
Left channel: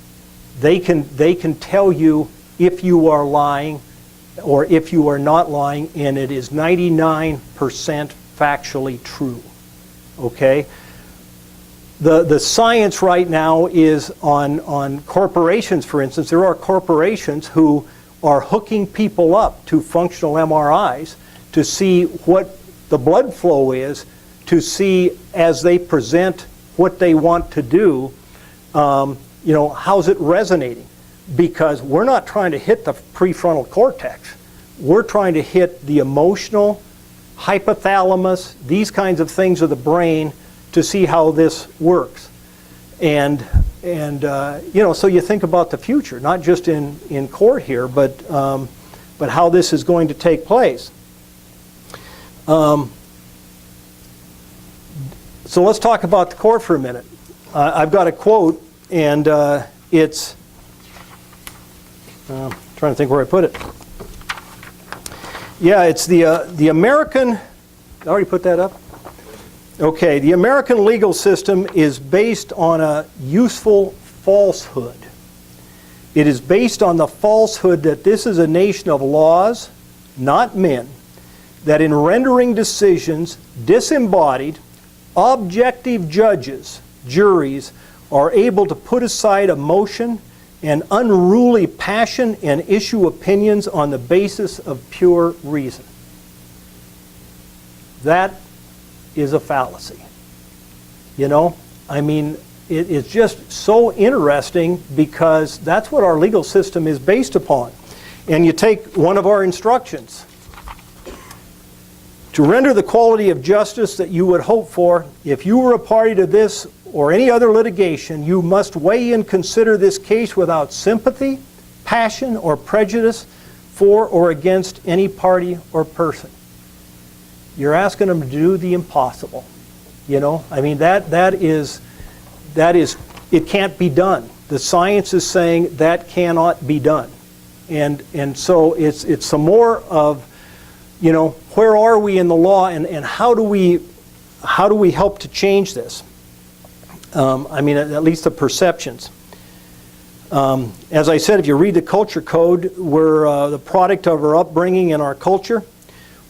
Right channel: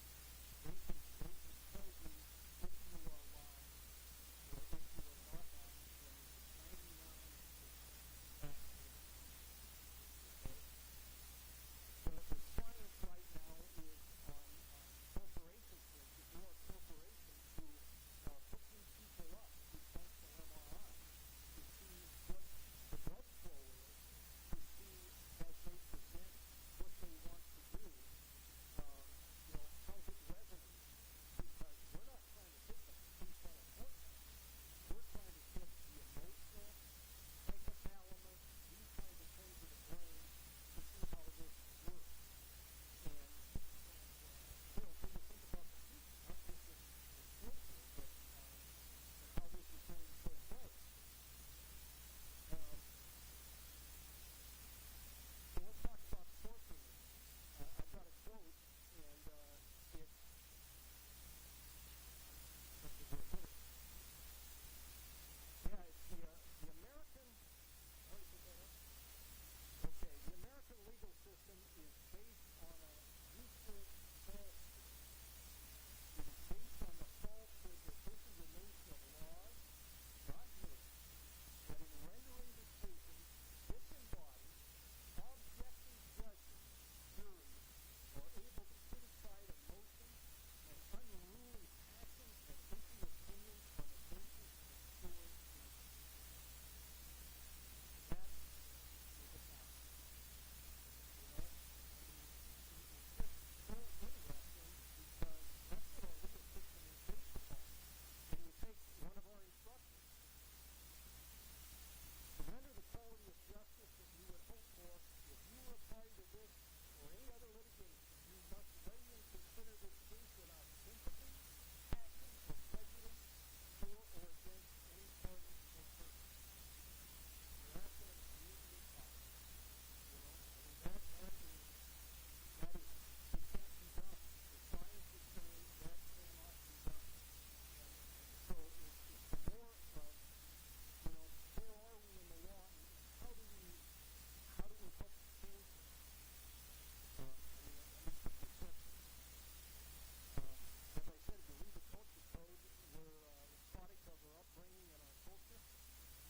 They can tell you if you are lying or if you are not lying, and it is 99% factually true. Okay? The science right now is on corporations, for instance. There are corporations who are hooking people up to functional MRIs to see what the blood flow is, to see as they present what they want to do, you know, how's it resonating? Because we're not trying to hit the prefrontal cortex. We're trying to hit the emotional, hypothalamus, these kinds of things of the brain to see how this works. And you know, so you think about the future, not just in court here, but how this is going to take place. So let's talk about the court for a minute. I've got a quote, and it's, trying to think where I put it. Yeah, it's the American, I already put that up? Okay, the American legal system is based on a useful falsehood. It is based on the falsehood that this is a nation of laws, not men, that in rendering decisions, disembodied, objective judges, juries, are able to put aside emotion and unruly passion and issue opinions on the basis of pure reason. That is a fallacy. You know, I mean, it's just so interesting because that's what our legal system is based upon. And you take one of our instructions. To render the quality of justice that you would hope for, if you were a party to this or any other litigation, you must weigh and consider this case without sympathy, passion, or prejudice for or against any party or person. You're asking them to do the impossible. You know, I mean, that is, it can't be done. The science is saying that cannot be done. And so it's some more of, you know, where are we in the law, and how do we help to change this? I mean, at least the perceptions. As I said, if you read the culture code, we're the product of our upbringing and our culture.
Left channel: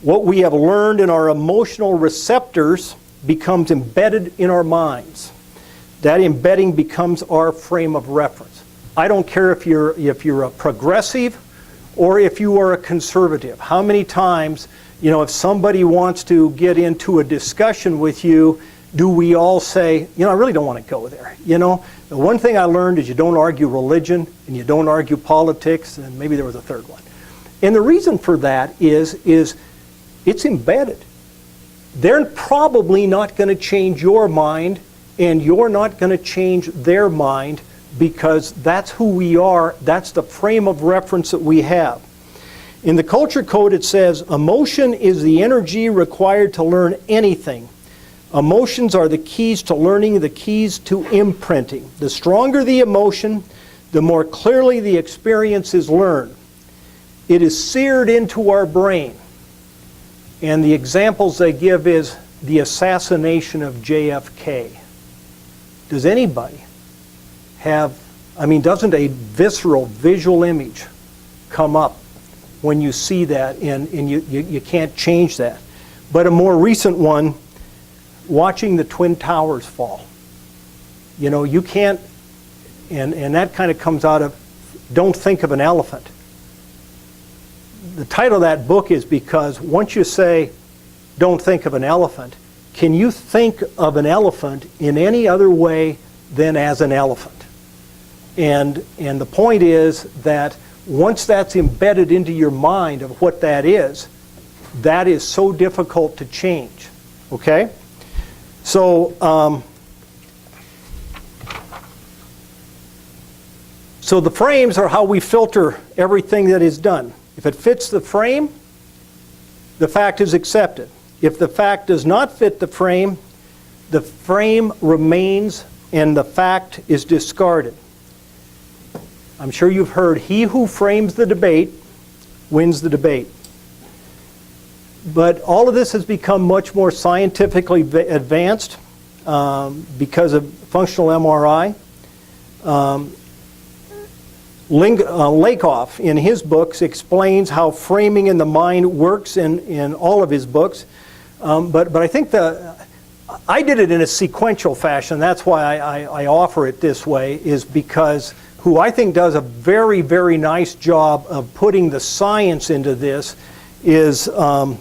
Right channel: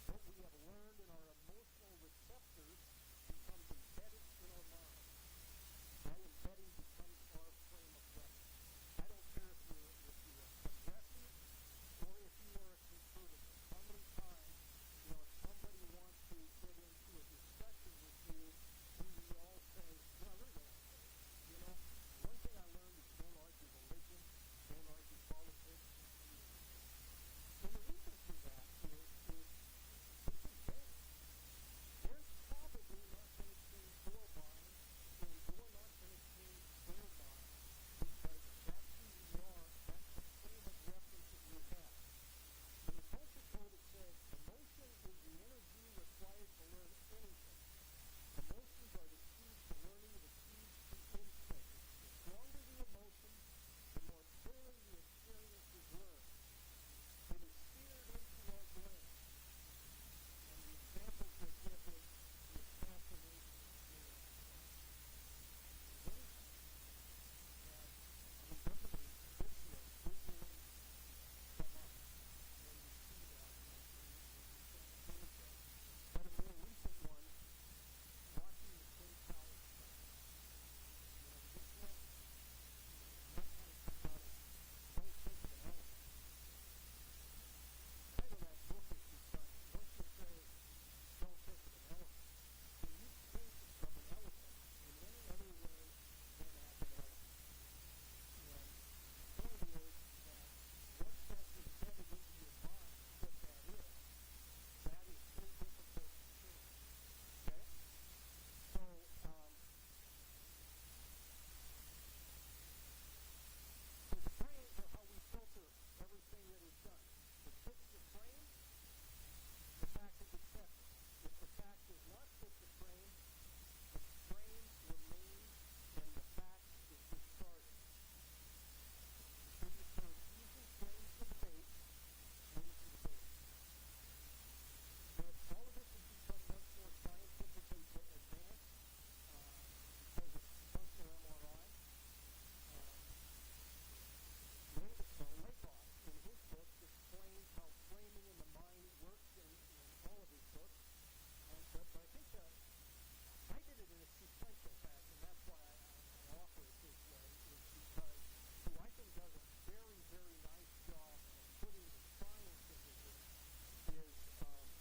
What we have learned in our emotional receptors becomes embedded in our minds. That embedding becomes our frame of reference. I don't care if you're a progressive or if you are a conservative. How many times, you know, if somebody wants to get into a discussion with you, do we all say, you know, I really don't want to go there. You know, the one thing I learned is you don't argue religion and you don't argue politics, and maybe there was a third one. And the reason for that is it's embedded. They're probably not going to change your mind, and you're not going to change their mind, because that's who we are. That's the frame of reference that we have. In the culture code, it says, emotion is the energy required to learn anything. Emotions are the keys to learning, the keys to imprinting. The stronger the emotion, the more clearly the experience is learned. It is seared into our brain. And the examples they give is the assassination of JFK. Does anybody have, I mean, doesn't a visceral visual image come up when you see that, and you can't change that? But a more recent one, watching the Twin Towers fall. You know, you can't, and that kind of comes out of, don't think of an elephant. The title of that book is because once you say, don't think of an elephant, can you think of an elephant in any other way than as an elephant? And the point is that once that's embedded into your mind of what that is so difficult to change, okay? So, so the frames are how we filter everything that is done. If it fits the frame, the fact is accepted. If the fact does not fit the frame remains and the fact is discarded. I'm sure you've heard, he who frames the debate wins the debate. But all of this has become much more scientifically advanced because of functional MRI. Lakoff, in his books, explains how framing in the mind works in all of his books. But I think I did it in a sequential fashion. That's why I offer it this way, is because who I think does a very, very nice job of putting the science into this, is How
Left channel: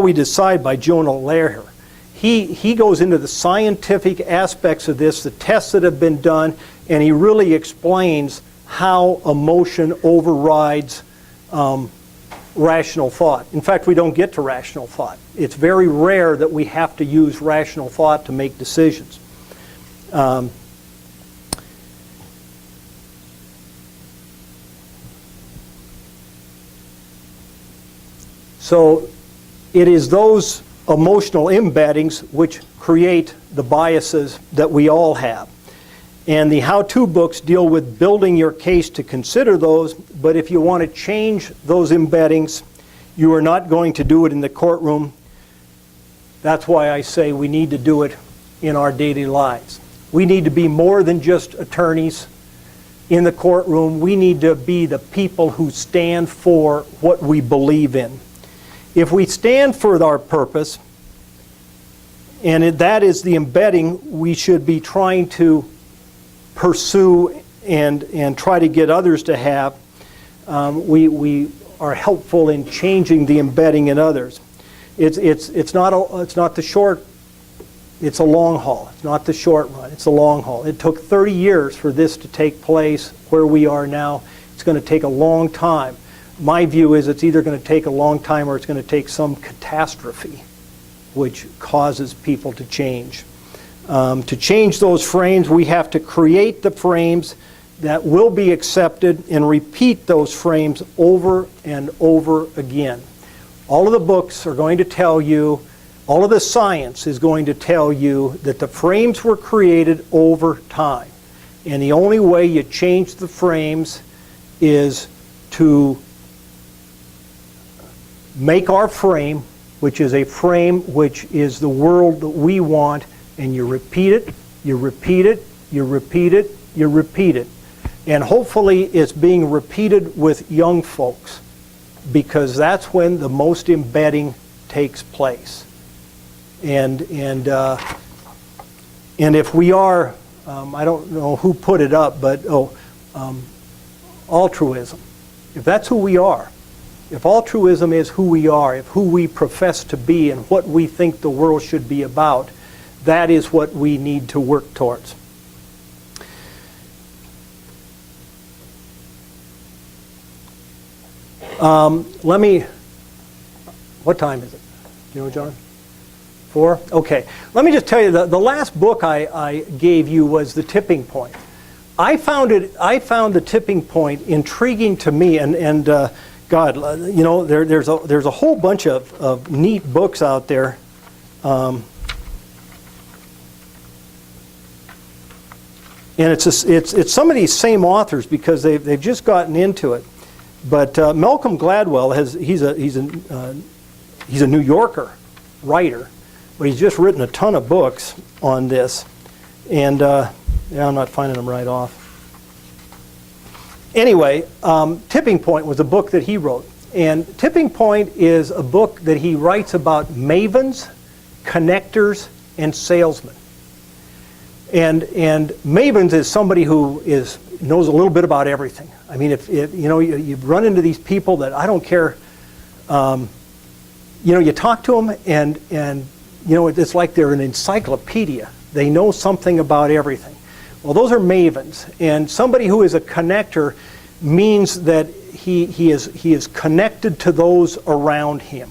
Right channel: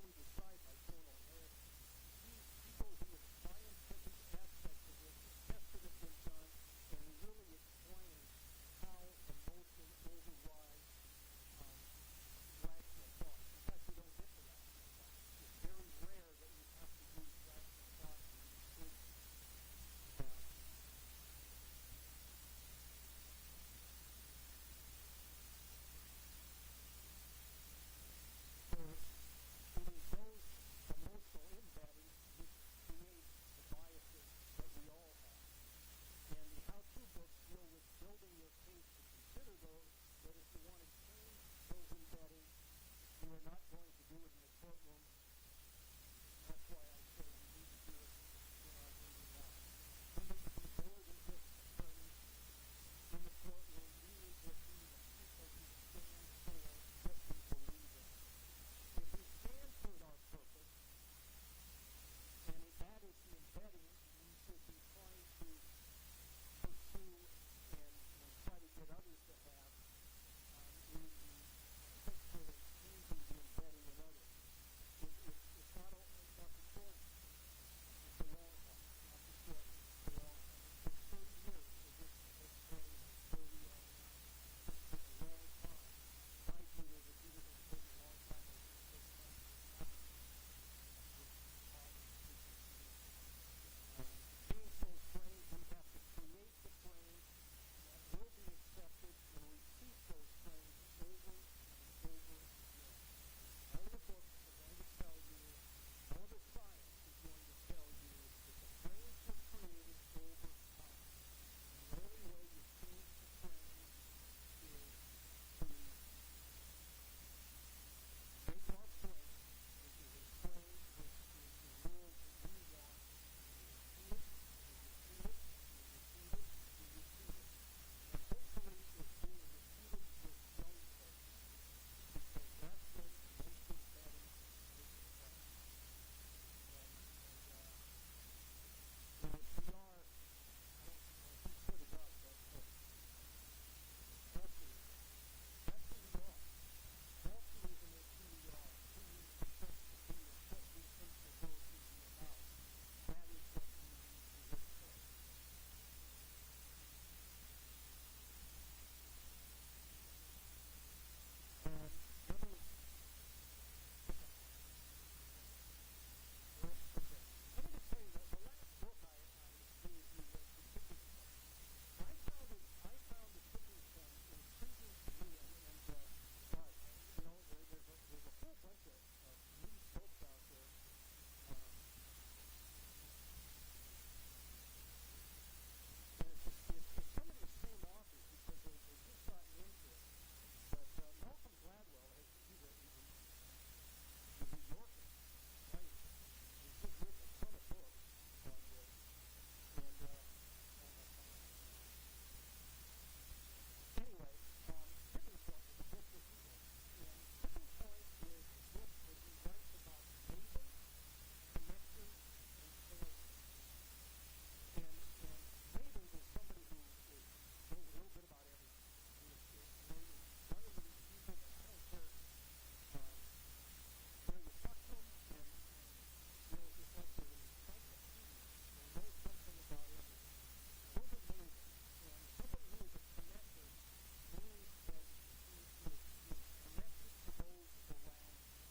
We Decide by Jonah Lehrer. He goes into the scientific aspects of this, the tests that have been done, and he really explains how emotion overrides rational thought. In fact, we don't get to rational thought. It's very rare that we have to use rational thought to make decisions. So it is those emotional embeddings which create the biases that we all have. And the how-to books deal with building your case to consider those, but if you want to change those embeddings, you are not going to do it in the courtroom. That's why I say we need to do it in our daily lives. We need to be more than just attorneys in the courtroom. We need to be the people who stand for what we believe in. If we stand for our purpose, and that is the embedding we should be trying to pursue and try to get others to have, we are helpful in changing the embedding in others. It's not the short, it's a long haul. It's not the short run, it's a long haul. It took 30 years for this to take place where we are now. It's going to take a long time. My view is it's either going to take a long time or it's going to take some catastrophe which causes people to change. To change those frames, we have to create the frames that will be accepted and repeat those frames over and over again. All of the books are going to tell you, all of the science is going to tell you that the frames were created over time. And the only way you change the frames is to make our frame, which is a frame which is the world that we want, and you repeat it, you repeat it, you repeat it, you repeat it. And hopefully it's being repeated with young folks, because that's when the most embedding takes place. And if we are, I don't know who put it up, but altruism, if that's who we are, if altruism is who we are, if who we profess to be and what we think the world should be about, that is what we need to work towards. What time is it? Do you know, John? 4? Okay. Let me just tell you, the last book I gave you was The Tipping Point. I found The Tipping Point intriguing to me, and God, you know, there's a whole bunch of neat books out there. And it's some of these same authors because they've just gotten into it. But Malcolm Gladwell he's a New Yorker writer, but he's just written a ton of books on this. And yeah, I'm not finding them right off. Anyway, Tipping Point was a book that he wrote. And Tipping Point is a book that he writes about mavens, connectors, and salesmen. And mavens is somebody who knows a little bit about everything. I mean, if you know, you run into these people that I don't care, you know, you talk to them and you know, it's like they're an encyclopedia. They know something about everything. Well, those are mavens, and somebody who is a connector means that he is connected to those around him,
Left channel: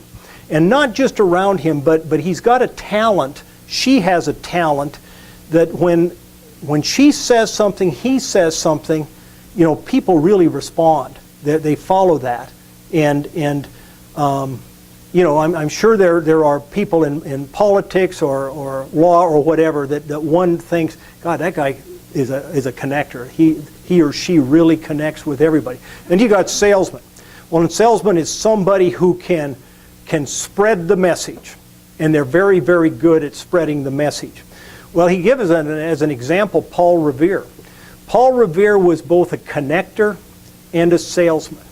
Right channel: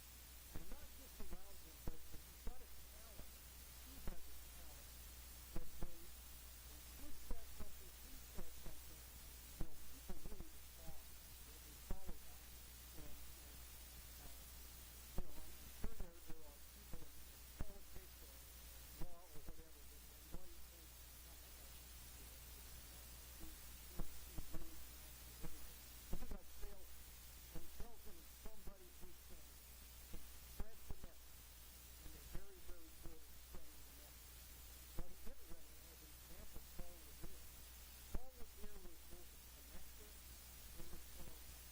and not just around him, but he's got a talent. She has a talent that when she says something, he says something, you know, people really respond. They follow that, and you know, I'm sure there are people in politics or law or whatever that one thinks, God, that guy is a connector. He or she really connects with everybody. And you got salesmen. Well, a salesman is somebody who can spread the message, and they're very, very good at spreading the message. Well, he gives as an example Paul Revere. Paul Revere was both a connector and a salesman.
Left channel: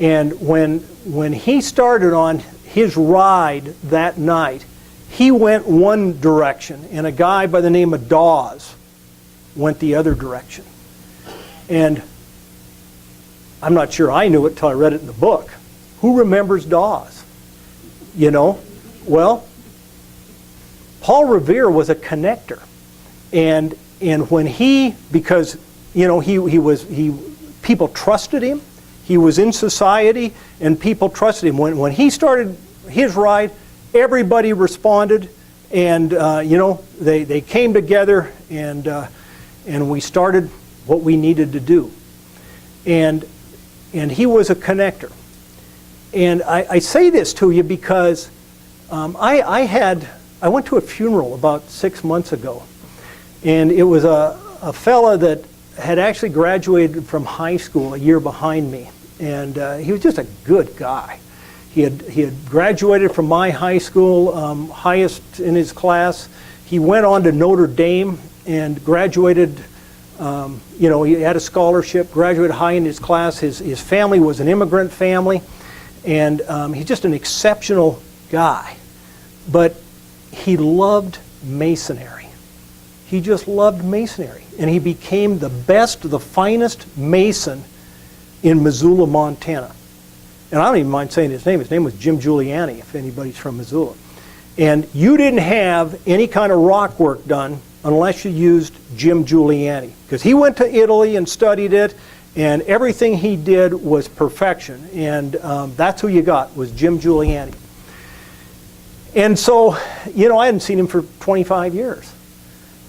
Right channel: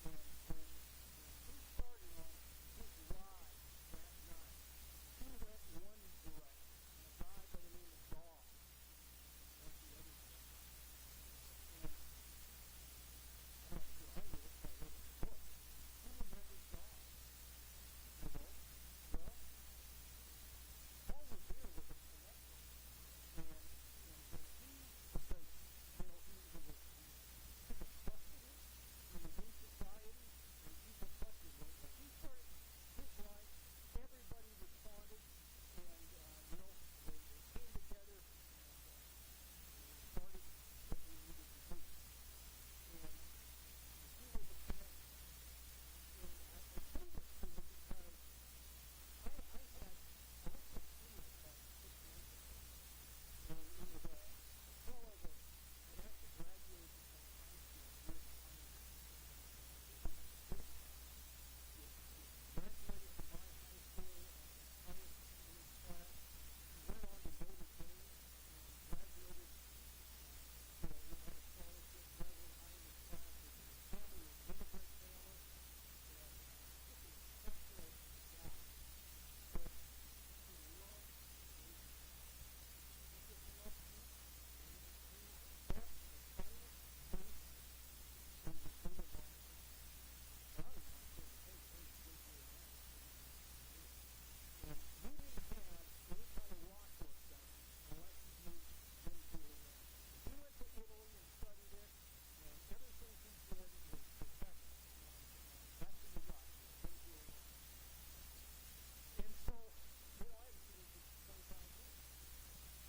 And when he started on his ride that night, he went one direction, and a guy by the name of Dawes went the other direction. And I'm not sure I knew it until I read it in the book. Who remembers Dawes? You know? Well, Paul Revere was a connector. And when because, you know, people trusted him. He was in society, and people trusted him. When he started his ride, everybody responded, and you know, they came together, and we started what we needed to do. And he was a connector. And I say this to you because I went to a funeral about 6 months ago, and it was a fella that had actually graduated from high school a year behind me, and he was just a good guy. He had graduated from my high school, highest in his class. He went on to Notre Dame and graduated. You know, he had a scholarship, graduated high in his class. His family was an immigrant family, and he's just an exceptional guy. But he loved masonry. He just loved masonry. And he became the best, the finest mason in Missoula, Montana. And I don't even mind saying his name. His name was Jim Giuliani, if anybody's from Missoula. And you didn't have any kind of rock work done unless you used Jim Giuliani. Because he went to Italy and studied it, and everything he did was perfection. And that's who you got, was Jim Giuliani. And so, you know, I hadn't seen him for 25 years.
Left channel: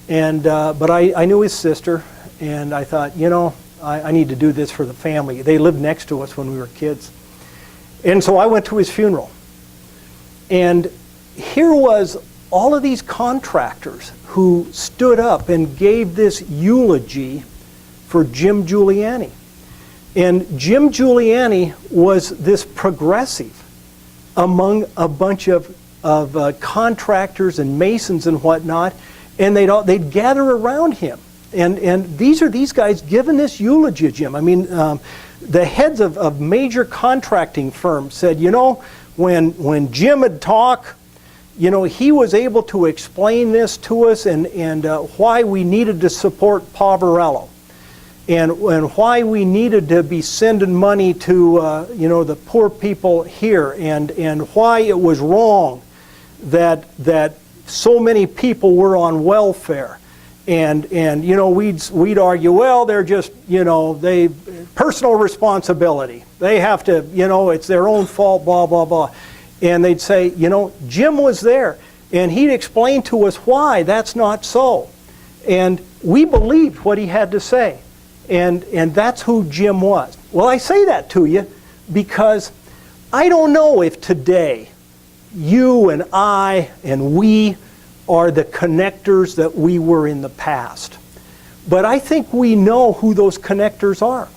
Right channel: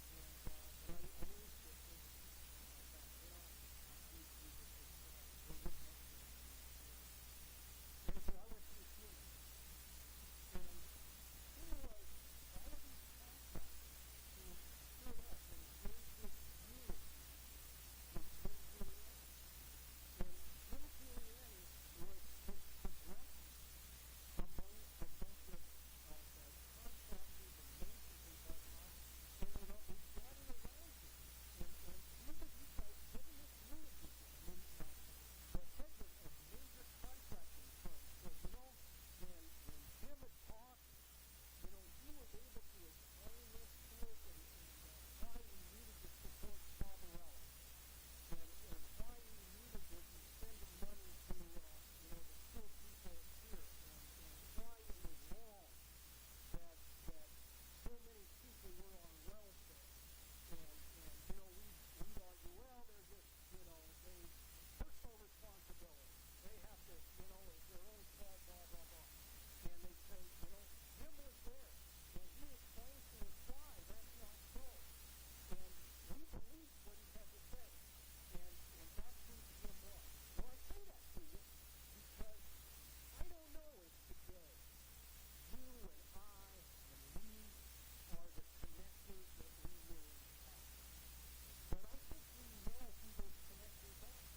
And, but I knew his sister, and I thought, you know, I need to do this for the family. They lived next to us when we were kids. And so I went to his funeral. And here was all of these contractors who stood up and gave this eulogy for Jim Giuliani. And Jim Giuliani was this progressive among a bunch of contractors and masons and whatnot, and they'd gather around him. And these guys giving this eulogy of Jim. I mean, the heads of major contracting firms said, you know, when Jim would talk, you know, he was able to explain this to us, and why we needed to support Poverello, and why we needed to be sending money to you know, the poor people here, and why it was wrong that so many people were on welfare. And you know, we'd argue, well, they're just, you know, they personal responsibility. They have to, you know, it's their own fault, blah, blah, blah. And they'd say, you know, Jim was there, and he'd explain to us why that's not so. And we believed what he had to say. And that's who Jim was. Well, I say that to you because I don't know if today you and I and we are the connectors that we were in the past. But I think we know who those connectors are.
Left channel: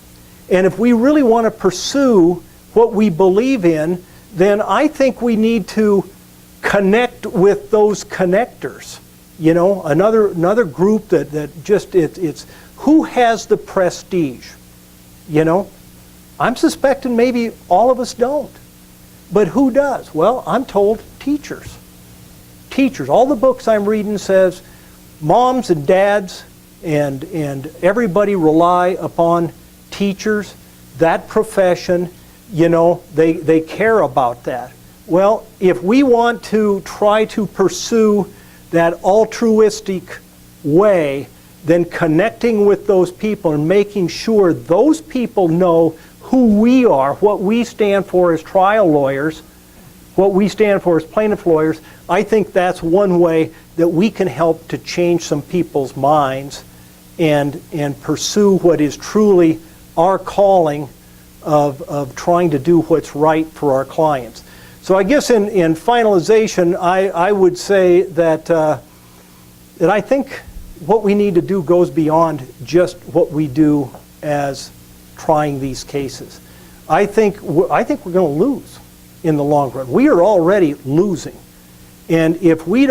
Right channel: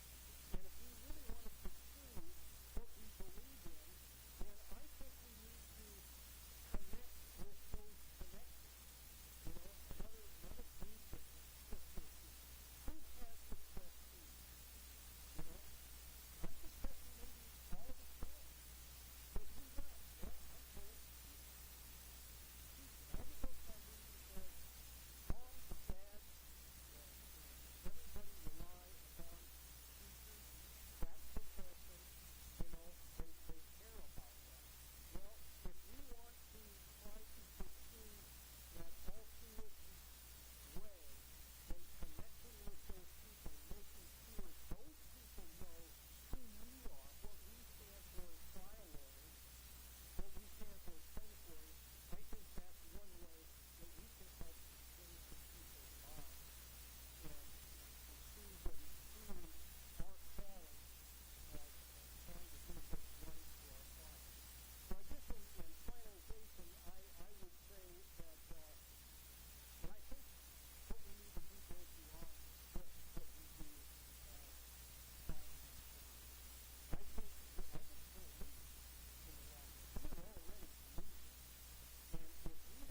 And if we really want to pursue what we believe in, then I think we need to connect with those connectors. You know, another group that just, it's who has the prestige? You know, I'm suspecting maybe all of us don't. But who does? Well, I'm told teachers. Teachers. All the books I'm reading says moms and dads and everybody rely upon teachers, that profession. You know, they care about that. Well, if we want to try to pursue that altruistic way, then connecting with those people and making sure those people know who we are, what we stand for as trial lawyers, what we stand for as plaintiff lawyers, I think that's one way that we can help to change some people's minds and pursue what is truly our calling of trying to do what's right for our clients. So I guess in finalization, I would say that I think what we need to do goes beyond just what we do as trying these cases. I think we're going to lose in the long run. We are already losing. And if we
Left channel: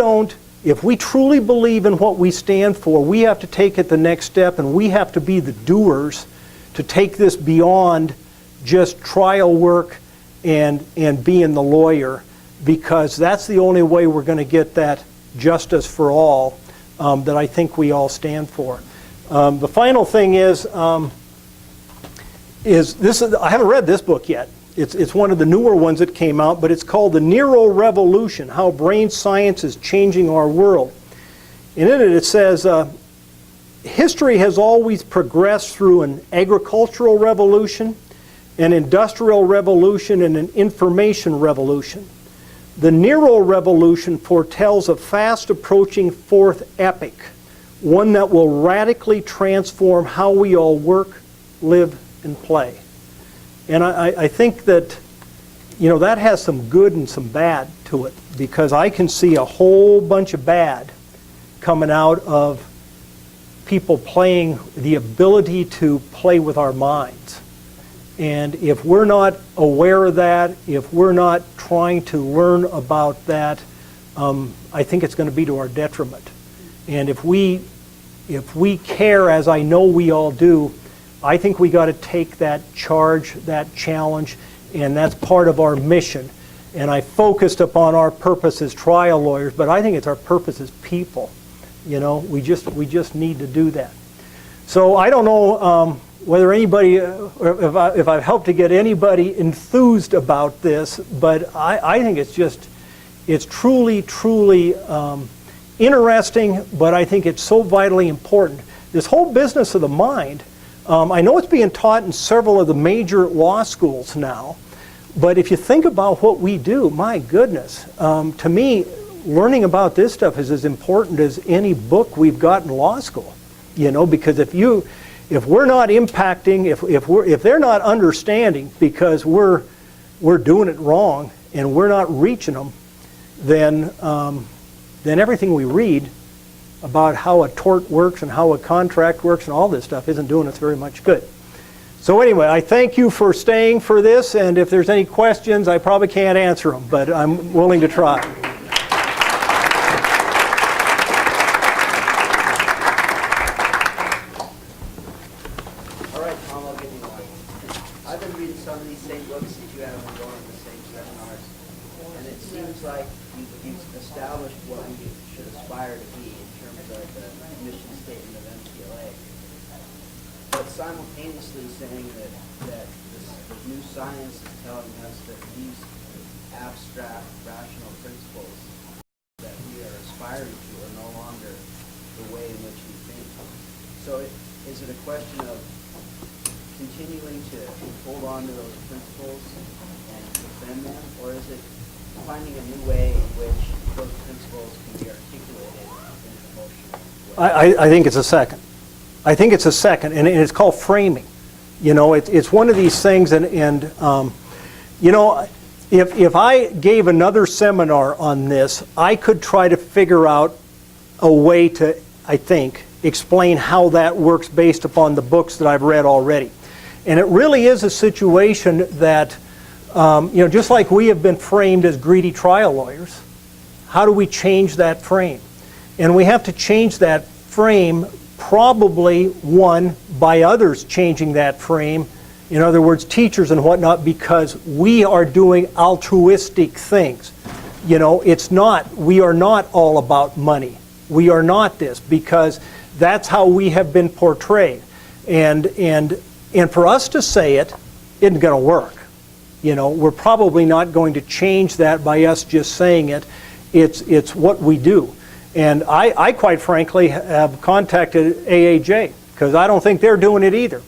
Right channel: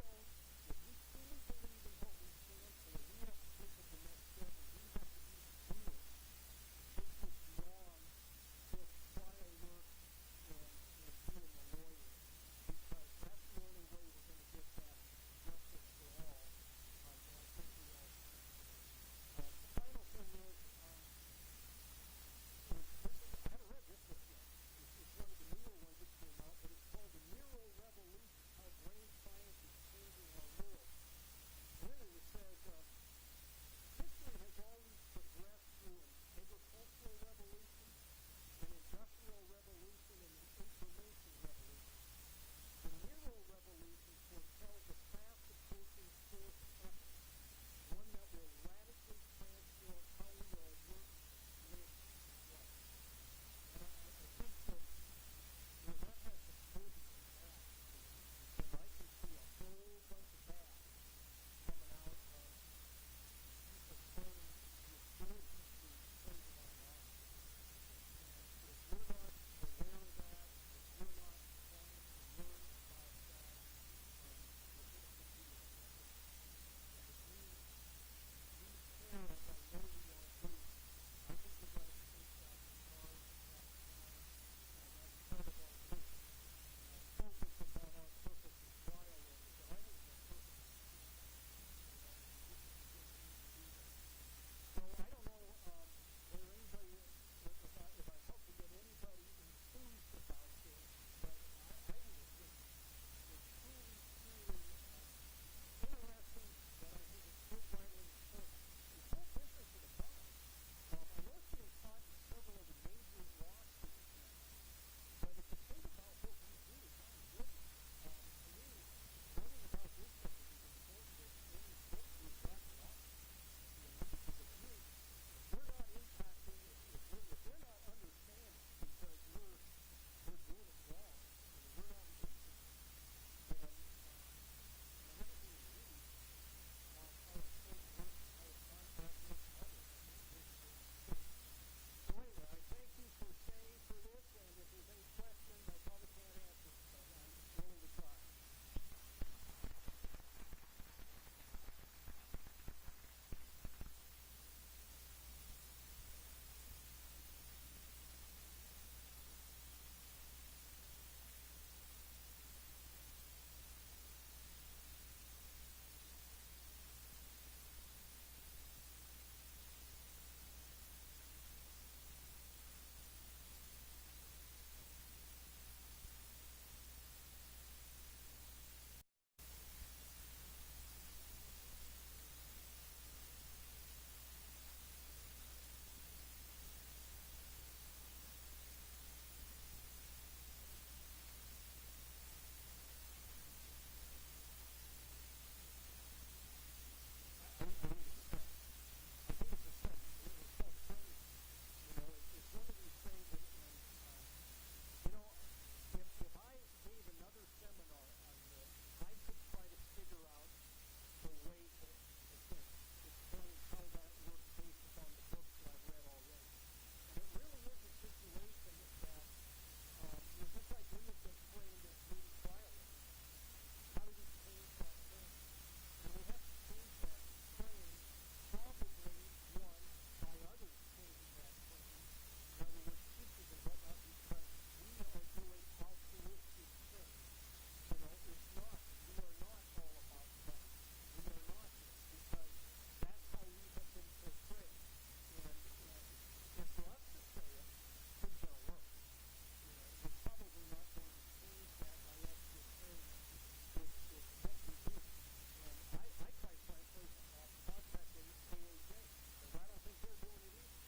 truly believe in what we stand for, we have to take it the next step, and we have to be the doers to take this beyond just trial work and being the lawyer, because that's the only way we're going to get that justice for all that I think we all stand for. The final thing is, I haven't read this book yet. It's one of the newer ones that came out, but it's called The Neuro Revolution, How Brain Science is Changing Our World. And in it says, history has always progressed through an agricultural revolution, an industrial revolution, and an information revolution. The Neuro Revolution foretells a fast approaching fourth epoch, one that will radically transform how we all work, live, and play. And I think that, that has some good and some bad to it, because I can see a whole bunch of bad coming out of people playing, the ability to play with our minds. And if we're not aware of that, if we're not trying to learn about that, I think it's going to be to our detriment. And if we care, as I know we all do, I think we got to take that charge, that challenge, and that's part of our mission. And I focused upon our purpose as trial lawyers, but I think it's our purpose as people. We just need to do that. So I don't know whether anybody, or if I've helped to get anybody enthused about this, but I think it's truly, truly interesting, but I think it's so vitally important. This whole business of the mind, I know it's being taught in several of the major law schools now, but if you think about what we do, my goodness, to me, learning about this stuff is as important as any book we've got in law school. Because if we're not impacting, if they're not understanding because we're doing it wrong and we're not reaching them, then everything we read about how a tort works and how a contract works and all this stuff isn't doing us very much good. So anyway, I thank you for staying for this, and if there's any questions, I probably can't answer them, but I'm willing to try. All right, Tom, I'll give you one. I've been reading some of these same books that you have and going to the same seminars, and it seems like you've established what we should aspire to be in terms of the mission statement of MTLA, but simultaneously saying that the new science is telling us that these abstract, rational principles that we are aspiring to are no longer the way in which we think. So is it a question of continuing to hold on to those principles and defend them, or is it finding a new way in which those principles can be articulated in an emotional way? I think it's a second. I think it's a second, and it's called framing. It's one of these things, and if I gave another seminar on this, I could try to figure out a way to, I think, explain how that works based upon the books that I've read already. And it really is a situation that, just like we have been framed as greedy trial lawyers, how do we change that frame? And we have to change that frame probably, one, by others changing that frame. In other words, teachers and whatnot, because we are doing altruistic things. We are not all about money. We are not this, because that's how we have been portrayed. And for us to say it isn't going to work. We're probably not going to change that by us just saying it. It's what we do. And I quite frankly have contacted AAJ, because I don't think they're doing it either.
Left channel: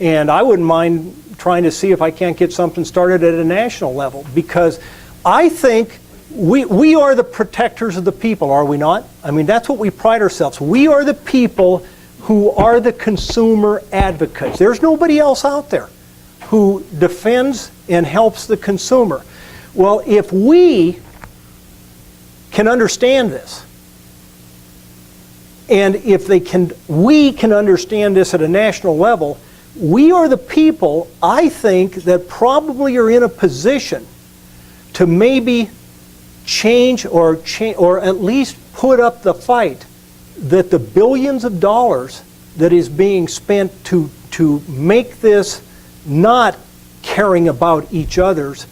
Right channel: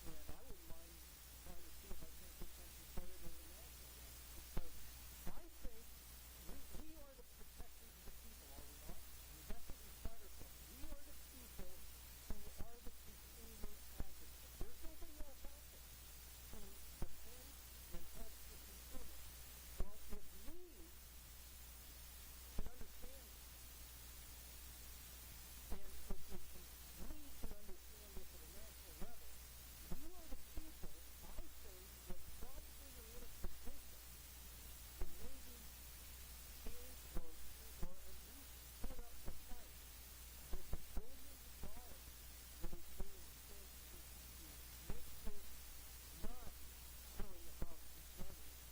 And I wouldn't mind trying to see if I can't get something started at a national level, because I think we are the protectors of the people, are we not? I mean, that's what we pride ourselves. We are the people who are the consumer advocates. There's nobody else out there who defends and helps the consumer. Well, if we can understand this, and if we can understand this at a national level, we are the people, I think, that probably are in a position to maybe change or at least put up the fight that the billions of dollars that is being spent to make this not caring about each other's,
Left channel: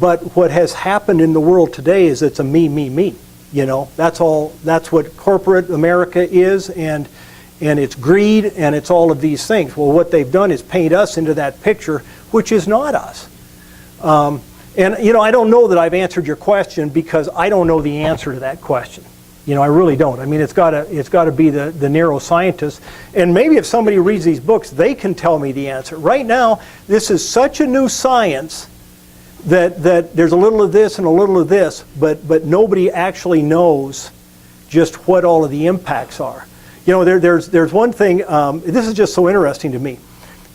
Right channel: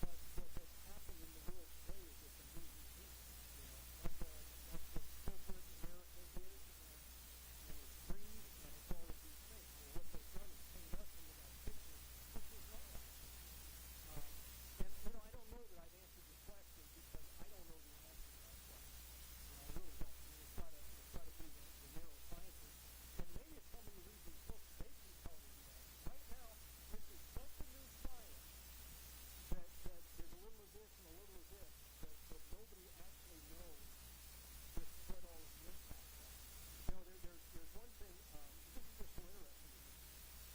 but what has happened in the world today is it's a me, me, me. That's what corporate America is, and and it's greed, and it's all of these things. Well, what they've done is paint us into that picture, which is not us. And you know, I don't know that I've answered your question because I don't know the answer to that question. You know, I really don't. I mean, it's got to be the neuroscientist. And maybe if somebody reads these books, they can tell me the answer. Right now, this is such a new science that there's a little of this and a little of this, but nobody actually knows just what all of the impacts are. You know, there's one thing. This is just so interesting to me.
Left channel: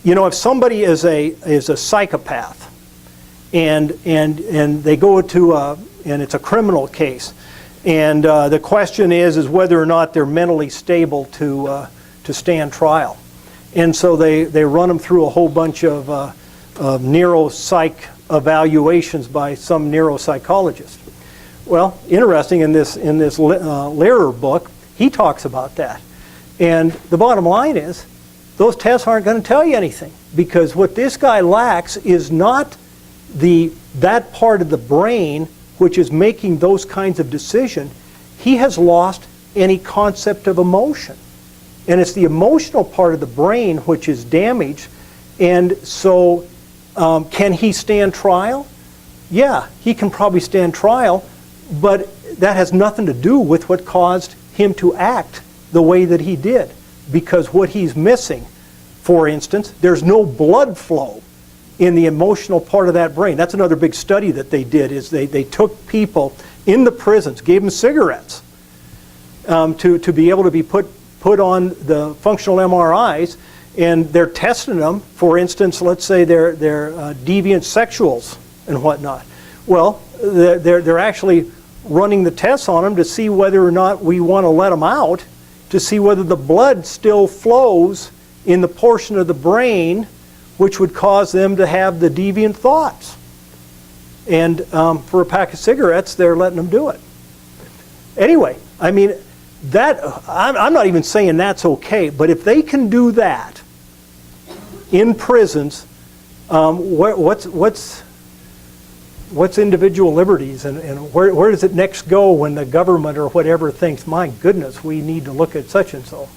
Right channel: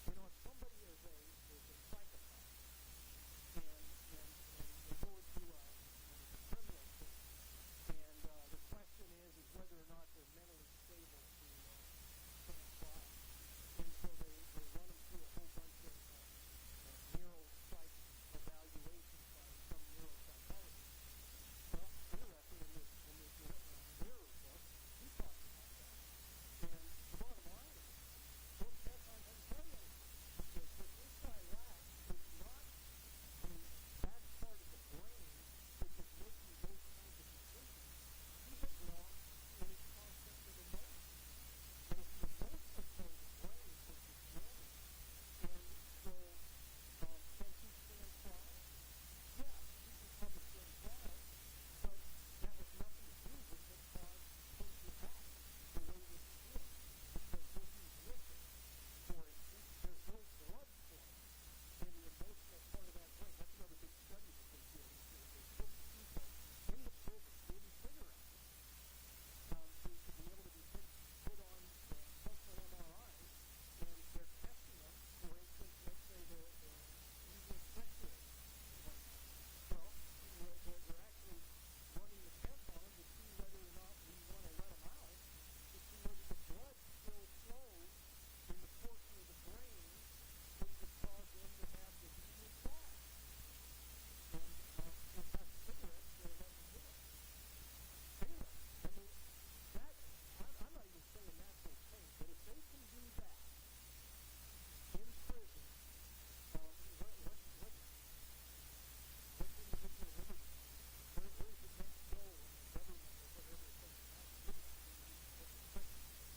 You know, if somebody is a psychopath, and they go to and it's a criminal case, and the question is whether or not they're mentally stable to stand trial, and so they run them through a whole bunch of neuropsych evaluations by some neuropsychologist. Well, interesting, in this Lehrer book, he talks about that, and the bottom line is those tests aren't going to tell you anything, because what this guy lacks is not that part of the brain which is making those kinds of decisions. He has lost any concept of emotion. And it's the emotional part of the brain which is damaged. And so can he stand trial? Yeah, he can probably stand trial, but that has nothing to do with what caused him to act the way that he did. Because what he's missing, for instance, there's no blood flow in the emotional part of that brain. That's another big study that they did, is they took people in the prisons, gave them cigarettes to be able to be put on the functional MRIs, and they're testing them. For instance, let's say they're deviant sexuals and whatnot. Well, they're actually running the tests on them to see whether or not we want to let them out, to see whether the blood still flows in the portion of the brain which would cause them to have the deviant thoughts. And for a pack of cigarettes, they're letting them do it. Anyway, I mean, I'm not even saying that's okay, but if they can do that in prisons, what's individual liberties, and where does it next go when the government or whatever thinks, my goodness, we need to look at such and so?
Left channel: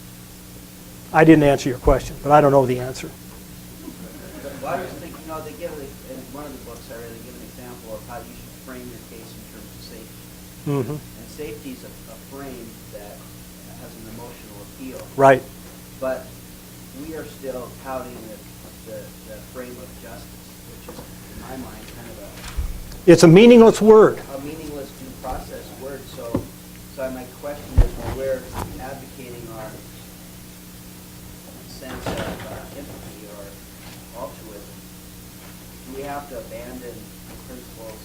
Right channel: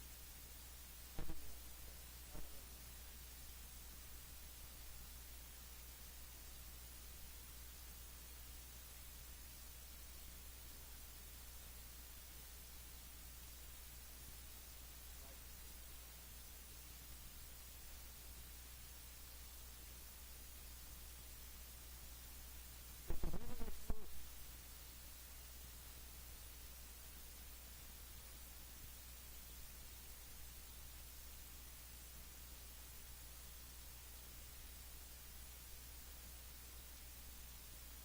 I didn't answer your question, but I don't know the answer. Well, I just think, you know, they give, in one of the books I read, they give an example of how you should frame your case in terms of safety. Mm-hmm. And safety is a frame that has an emotional appeal. Right. But we are still touting the frame of justice, which is, in my mind, kind of It's a meaningless word. a meaningless due process word. So my question is, when we're advocating our sense of empathy or altruism, do we have to abandon the principles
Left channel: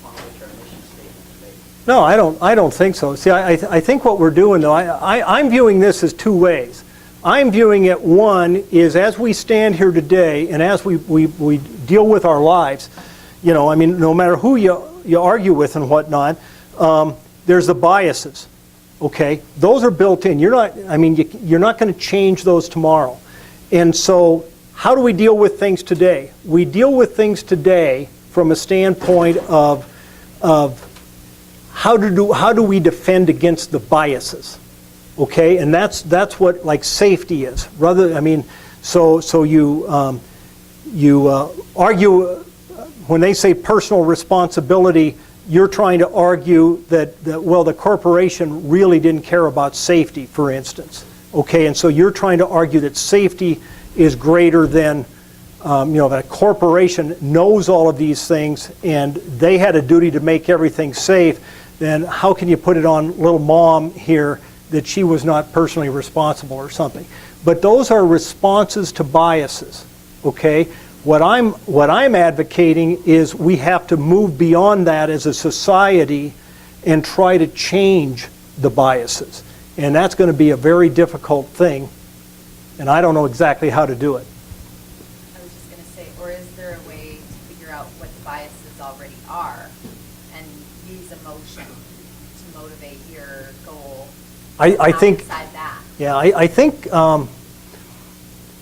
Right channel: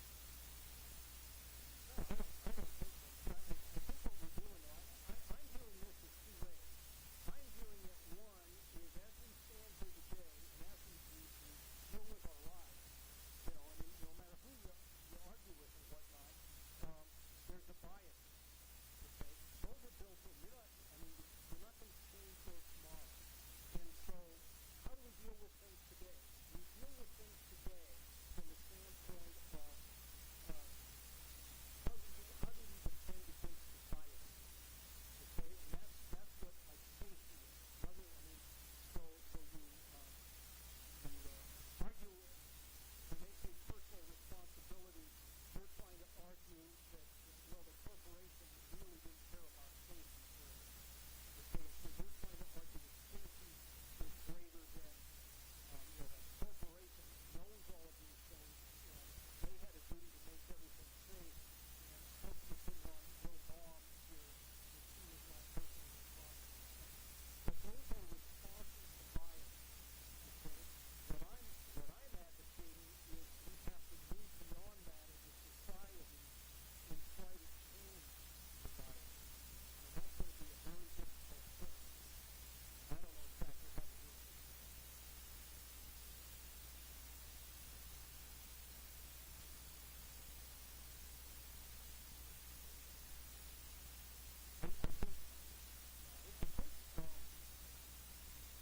upon which our mission statement is based? No, I don't think so. See, I think what we're doing, though, I'm viewing this as two ways. I'm viewing it, one, is as we stand here today and as we deal with our lives, you know, I mean, no matter who you argue with and whatnot, there's the biases, okay? Those are built in. You're not going to change those tomorrow. And so how do we deal with things today? We deal with things today from a standpoint of how do we defend against the biases, okay? And that's what, like, safety is. Rather, I mean, so you argue when they say personal responsibility. You're trying to argue that well, the corporation really didn't care about safety, for instance, okay? And so you're trying to argue that safety is greater than, you know, that a corporation knows all of these things and they had a duty to make everything safe. Then how can you put it on little mom here that she was not personally responsible or something? But those are responses to biases, okay? What I'm advocating is we have to move beyond that as a society and try to change the biases. And that's going to be a very difficult thing, and I don't know exactly how to do it. I was just going to say, or is there a way to figure out what the biases already are and use emotion to motivate your goal? I think, outside that? yeah, I think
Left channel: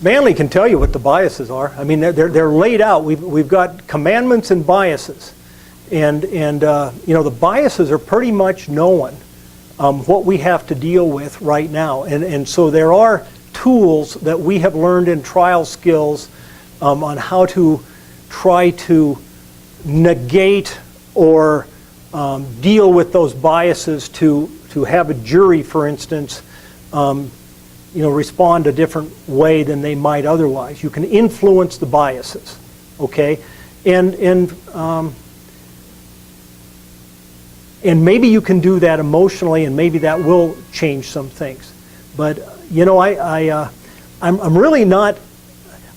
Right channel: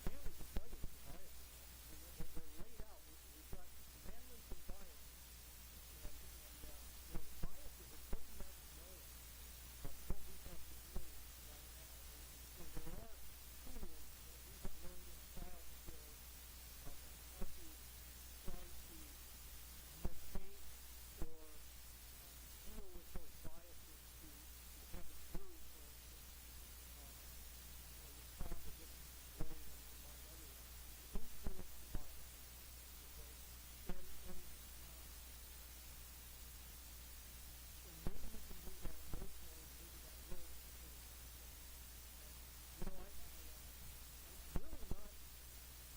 Manley can tell you what the biases are. I mean, they're laid out. We've got commandments and biases, and you know, the biases are pretty much known. what we have to deal with right now. And so there are tools that we have learned in trial skills on how to try to negate or deal with those biases to have a jury, for instance, respond a different way than they might otherwise. You can influence the biases, okay? And maybe you can do that emotionally, and maybe that will change some things. But I'm really not.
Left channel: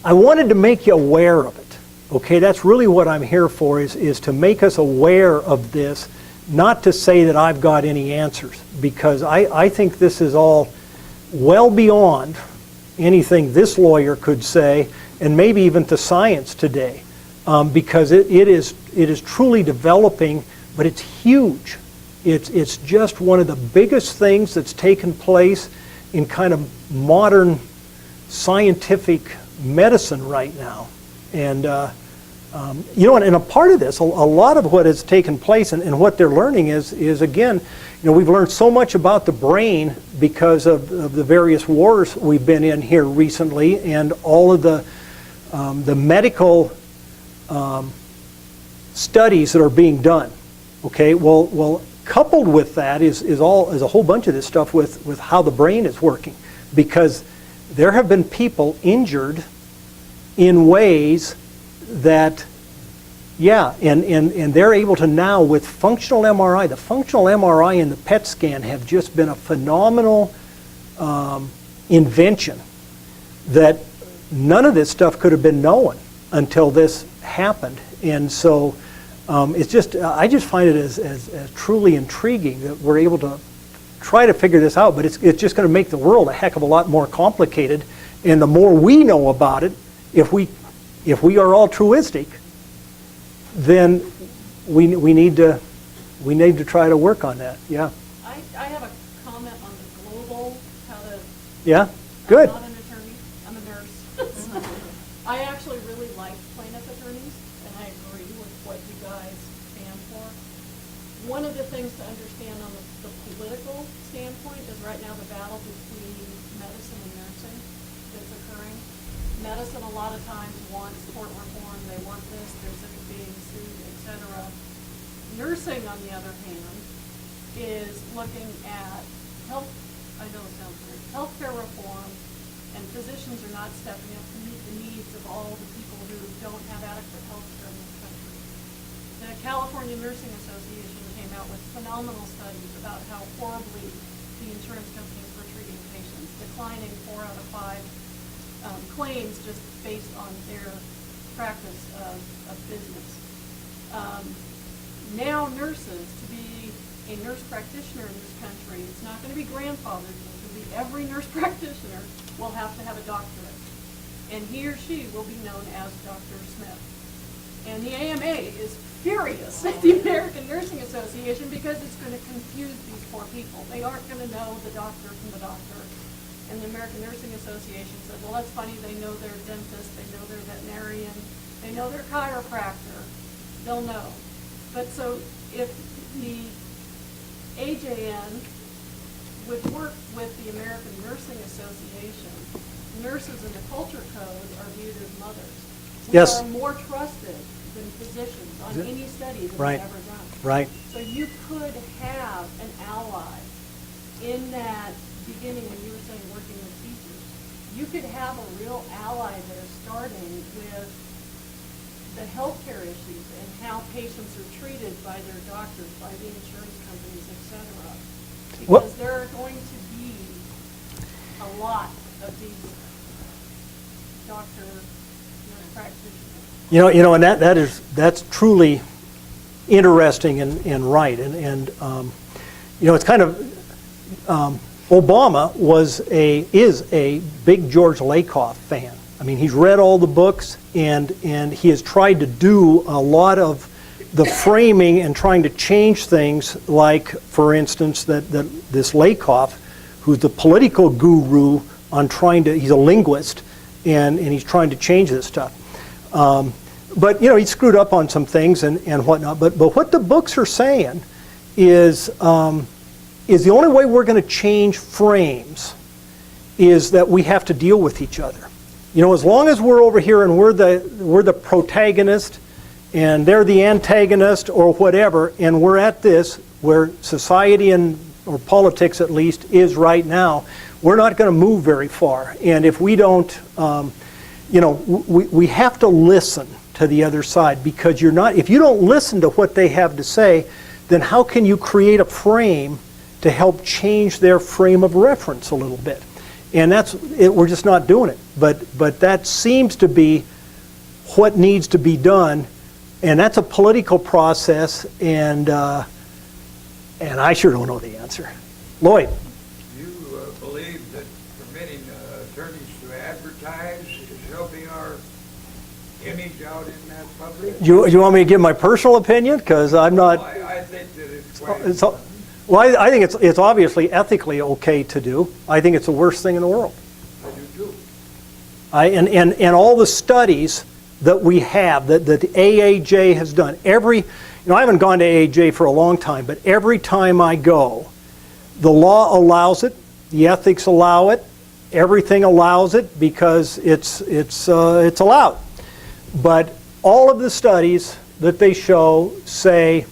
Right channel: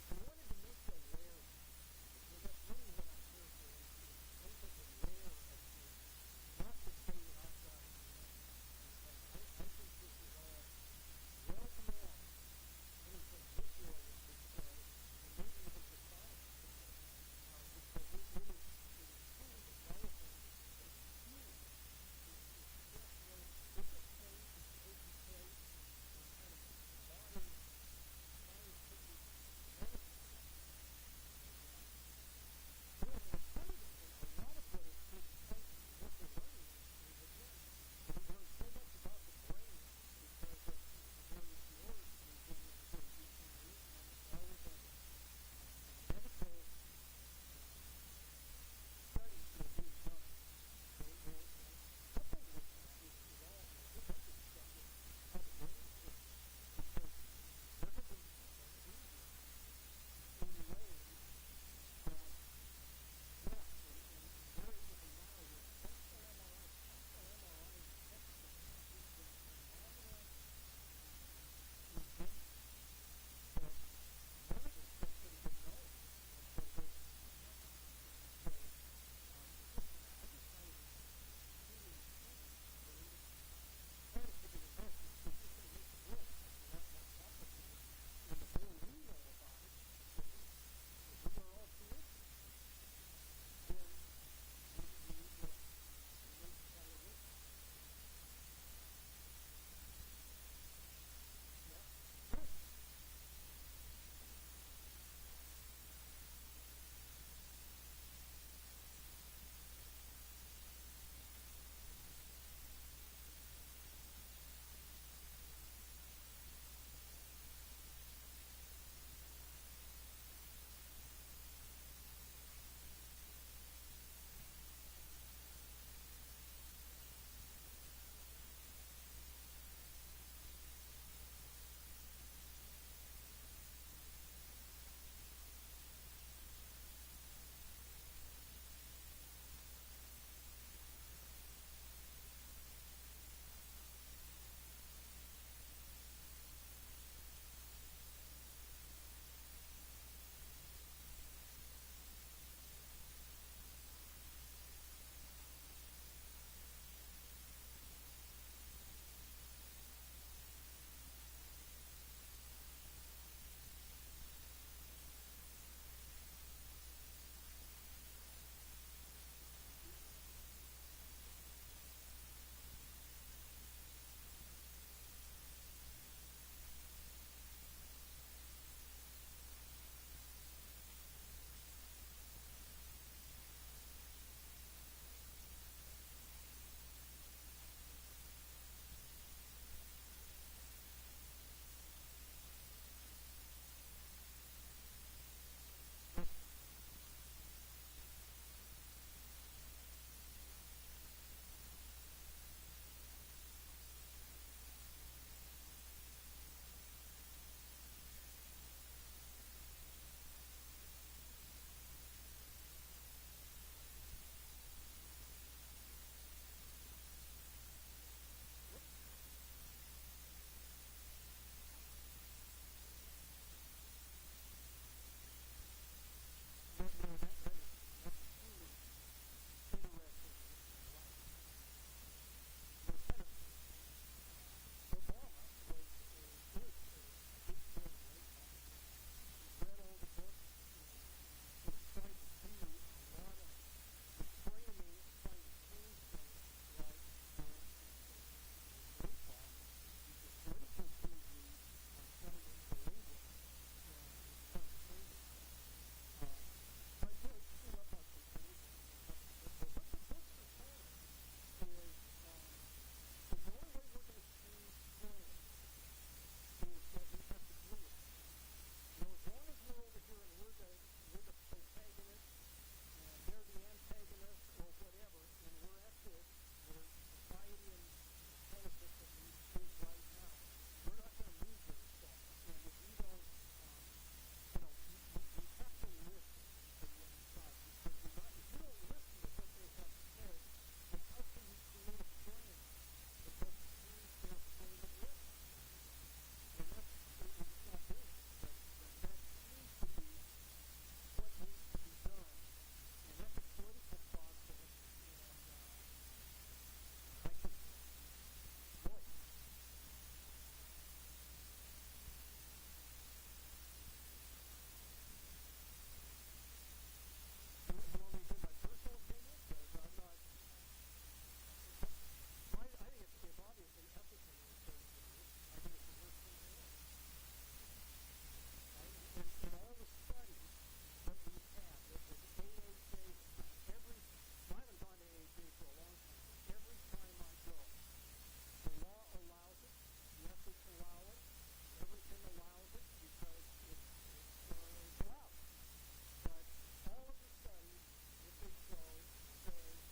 I wanted to make you aware of it. Okay, that's really what I'm here for. Is to make us aware of this, not to say that I've got any answers, because I think this is all well beyond anything this lawyer could say, and maybe even to science today, because it is truly developing, but it's huge. It's just one of the biggest things that's taken place in kind of modern scientific medicine right now. And and a part of this, a lot of what has taken place and what they're learning is again, we've learned so much about the brain because of the various wars we've been in here recently, and all of the medical studies that are being done. Okay, well, coupled with that is a whole bunch of this stuff with how the brain is working, because there have been people injured in ways that, and they're able to now, with functional MRI, the functional MRI and the PET scan have just been a phenomenal invention that none of this stuff could have been known until this happened. And so it's just, I just find it as truly intriguing that we're able to try to figure this out, but it's just going to make the world a heck of a lot more complicated. And the more we know about it, if we are altruistic, then we need to try to work on that. Yeah. I have a comment on the global, how to. Yeah. Good. I'm not an attorney. I'm a nurse. I actually really like plaintiff attorneys, and I agree with what you guys stand for. One of the things to understand on the political standpoint is right now the battle between medicine and nursing that's occurring. Medicine a lot of times wants court reform, they want this, they're sick of being sued, etc. Nursing, on the other hand, is looking at healthcare reform, and physicians are not stepping up to meet the needs of all the people who don't have adequate health care in this country. The California Nursing Association came out with phenomenal studies about how horribly the insurance companies were treating patients, declining 4 out of 5 claims just based on their practice of business. Now nurses, to be a nurse practitioner in this country, it's not going to be grandfathered. It's going to be every nurse practitioner will have to have a doctorate. And he or she will be known as Dr. Smith. And the AMA is furious at the American Nursing Association because it's going to confuse these poor people. They aren't going to know the doctor from the doctor. And the American Nursing Association said, well, that's funny, they know their dentist, they know their veterinarian, they know their chiropractor, they'll know. But so if the AJN would work with the American Nursing Association, nurses in the culture code are viewed as mothers. Yes. Are more trusted than physicians on any study that Right. was ever done. Right. So you could have an ally in that beginning when you were saying working with teachers. You could have a real ally there starting with the healthcare issues and how patients are treated by their doctors, by the insurance companies, et cetera. Because there are going to be a lot of these nurse practitioners. And that's truly interesting and right. And it's kind of Obama is a big George Lakoff fan. I mean, he's read all the books, and he has tried to do a lot of the framing and trying to change things, like, for instance, that this Lakoff, who's the political guru he's a linguist, and he's trying to change this stuff. But, he screwed up on some things and whatnot. But what the books are saying is is the only way we're going to change frames is that we have to deal with each other. You know, as long as we're over here and we're the protagonist and they're the antagonist or whatever, and we're at this where society or politics at least is right now, we're not going to move very far. And if we don't, you know, we have to listen to the other side, because if you don't listen to what they have to say, then how can you create a frame to help change their frame of reference a little bit? And we're just not doing it. But that seems to be what needs to be done, and that's a political process, and I sure don't know the answer. Lloyd. You believe that permitting attorneys to advertise is helping our image out in that public? You want me to give my personal opinion? Because I'm not. I think that it's quite... Well, I think it's obviously ethically okay to do. I think it's the worst thing in the world. I do too. And all the studies that we have, that the AAJ has done, I haven't gone to AAJ for a long time, but every time I go, the law allows it, the ethics allow it, everything allows it because it's allowed. But all of the studies that they show say,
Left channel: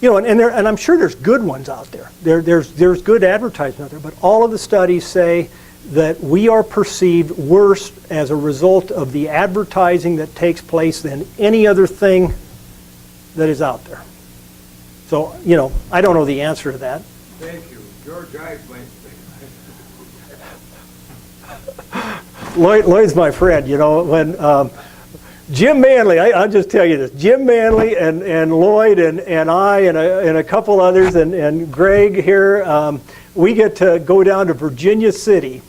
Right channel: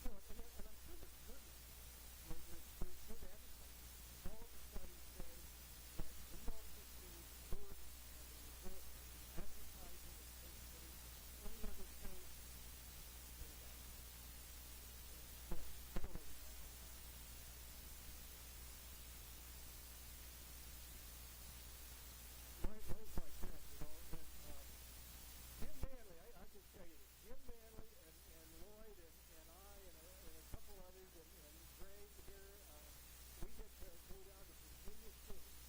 you know, and I'm sure there's good ones out there. There's good advertising out there, but all of the studies say that we are perceived worse as a result of the advertising that takes place than any other thing that is out there. So, you know, I don't know the answer to that. Thank you. George Ives Lloyd's my friend, you know, when Jim Manley, I'll just tell you this, Jim Manley and Lloyd and I and a couple others and Greg here, we get to go down to Virginia City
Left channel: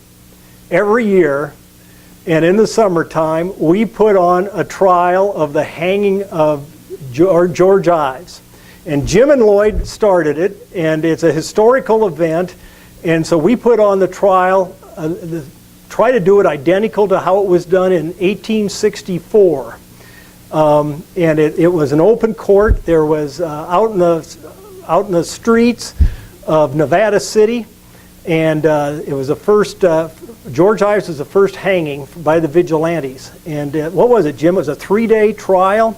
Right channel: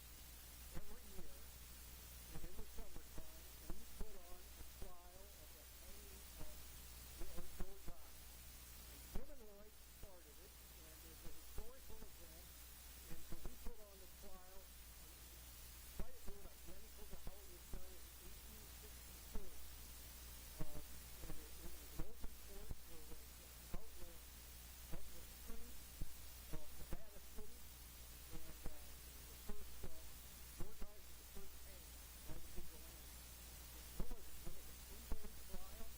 every year, and in the summertime we put on a trial of the hanging of George Ives. And Jim and Lloyd started it, and it's a historical event, and so we put on the trial, try to do it identical to how it was done in 1864. And it was an open court. There was out in the streets of Nevada City, and it was the first, George Ives was the first hanging by the vigilantes. And what was it, Jim? It was a 3-day trial,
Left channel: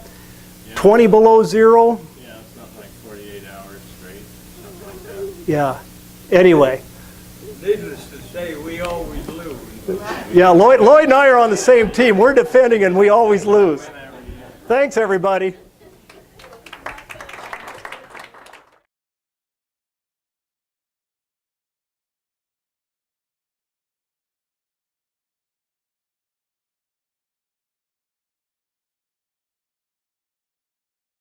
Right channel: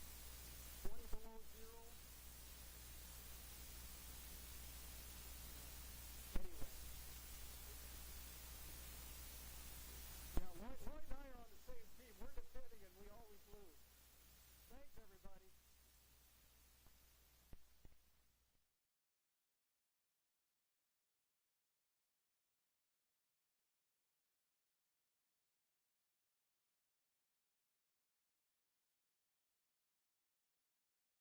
yeah. 20 below zero. Yeah, it's not like 48 hours straight, something like that. Yeah. Anyway. Needless to say, we always lose. Yeah, Lloyd and I are on the same team. We're defending and we always lose. Thanks, everybody.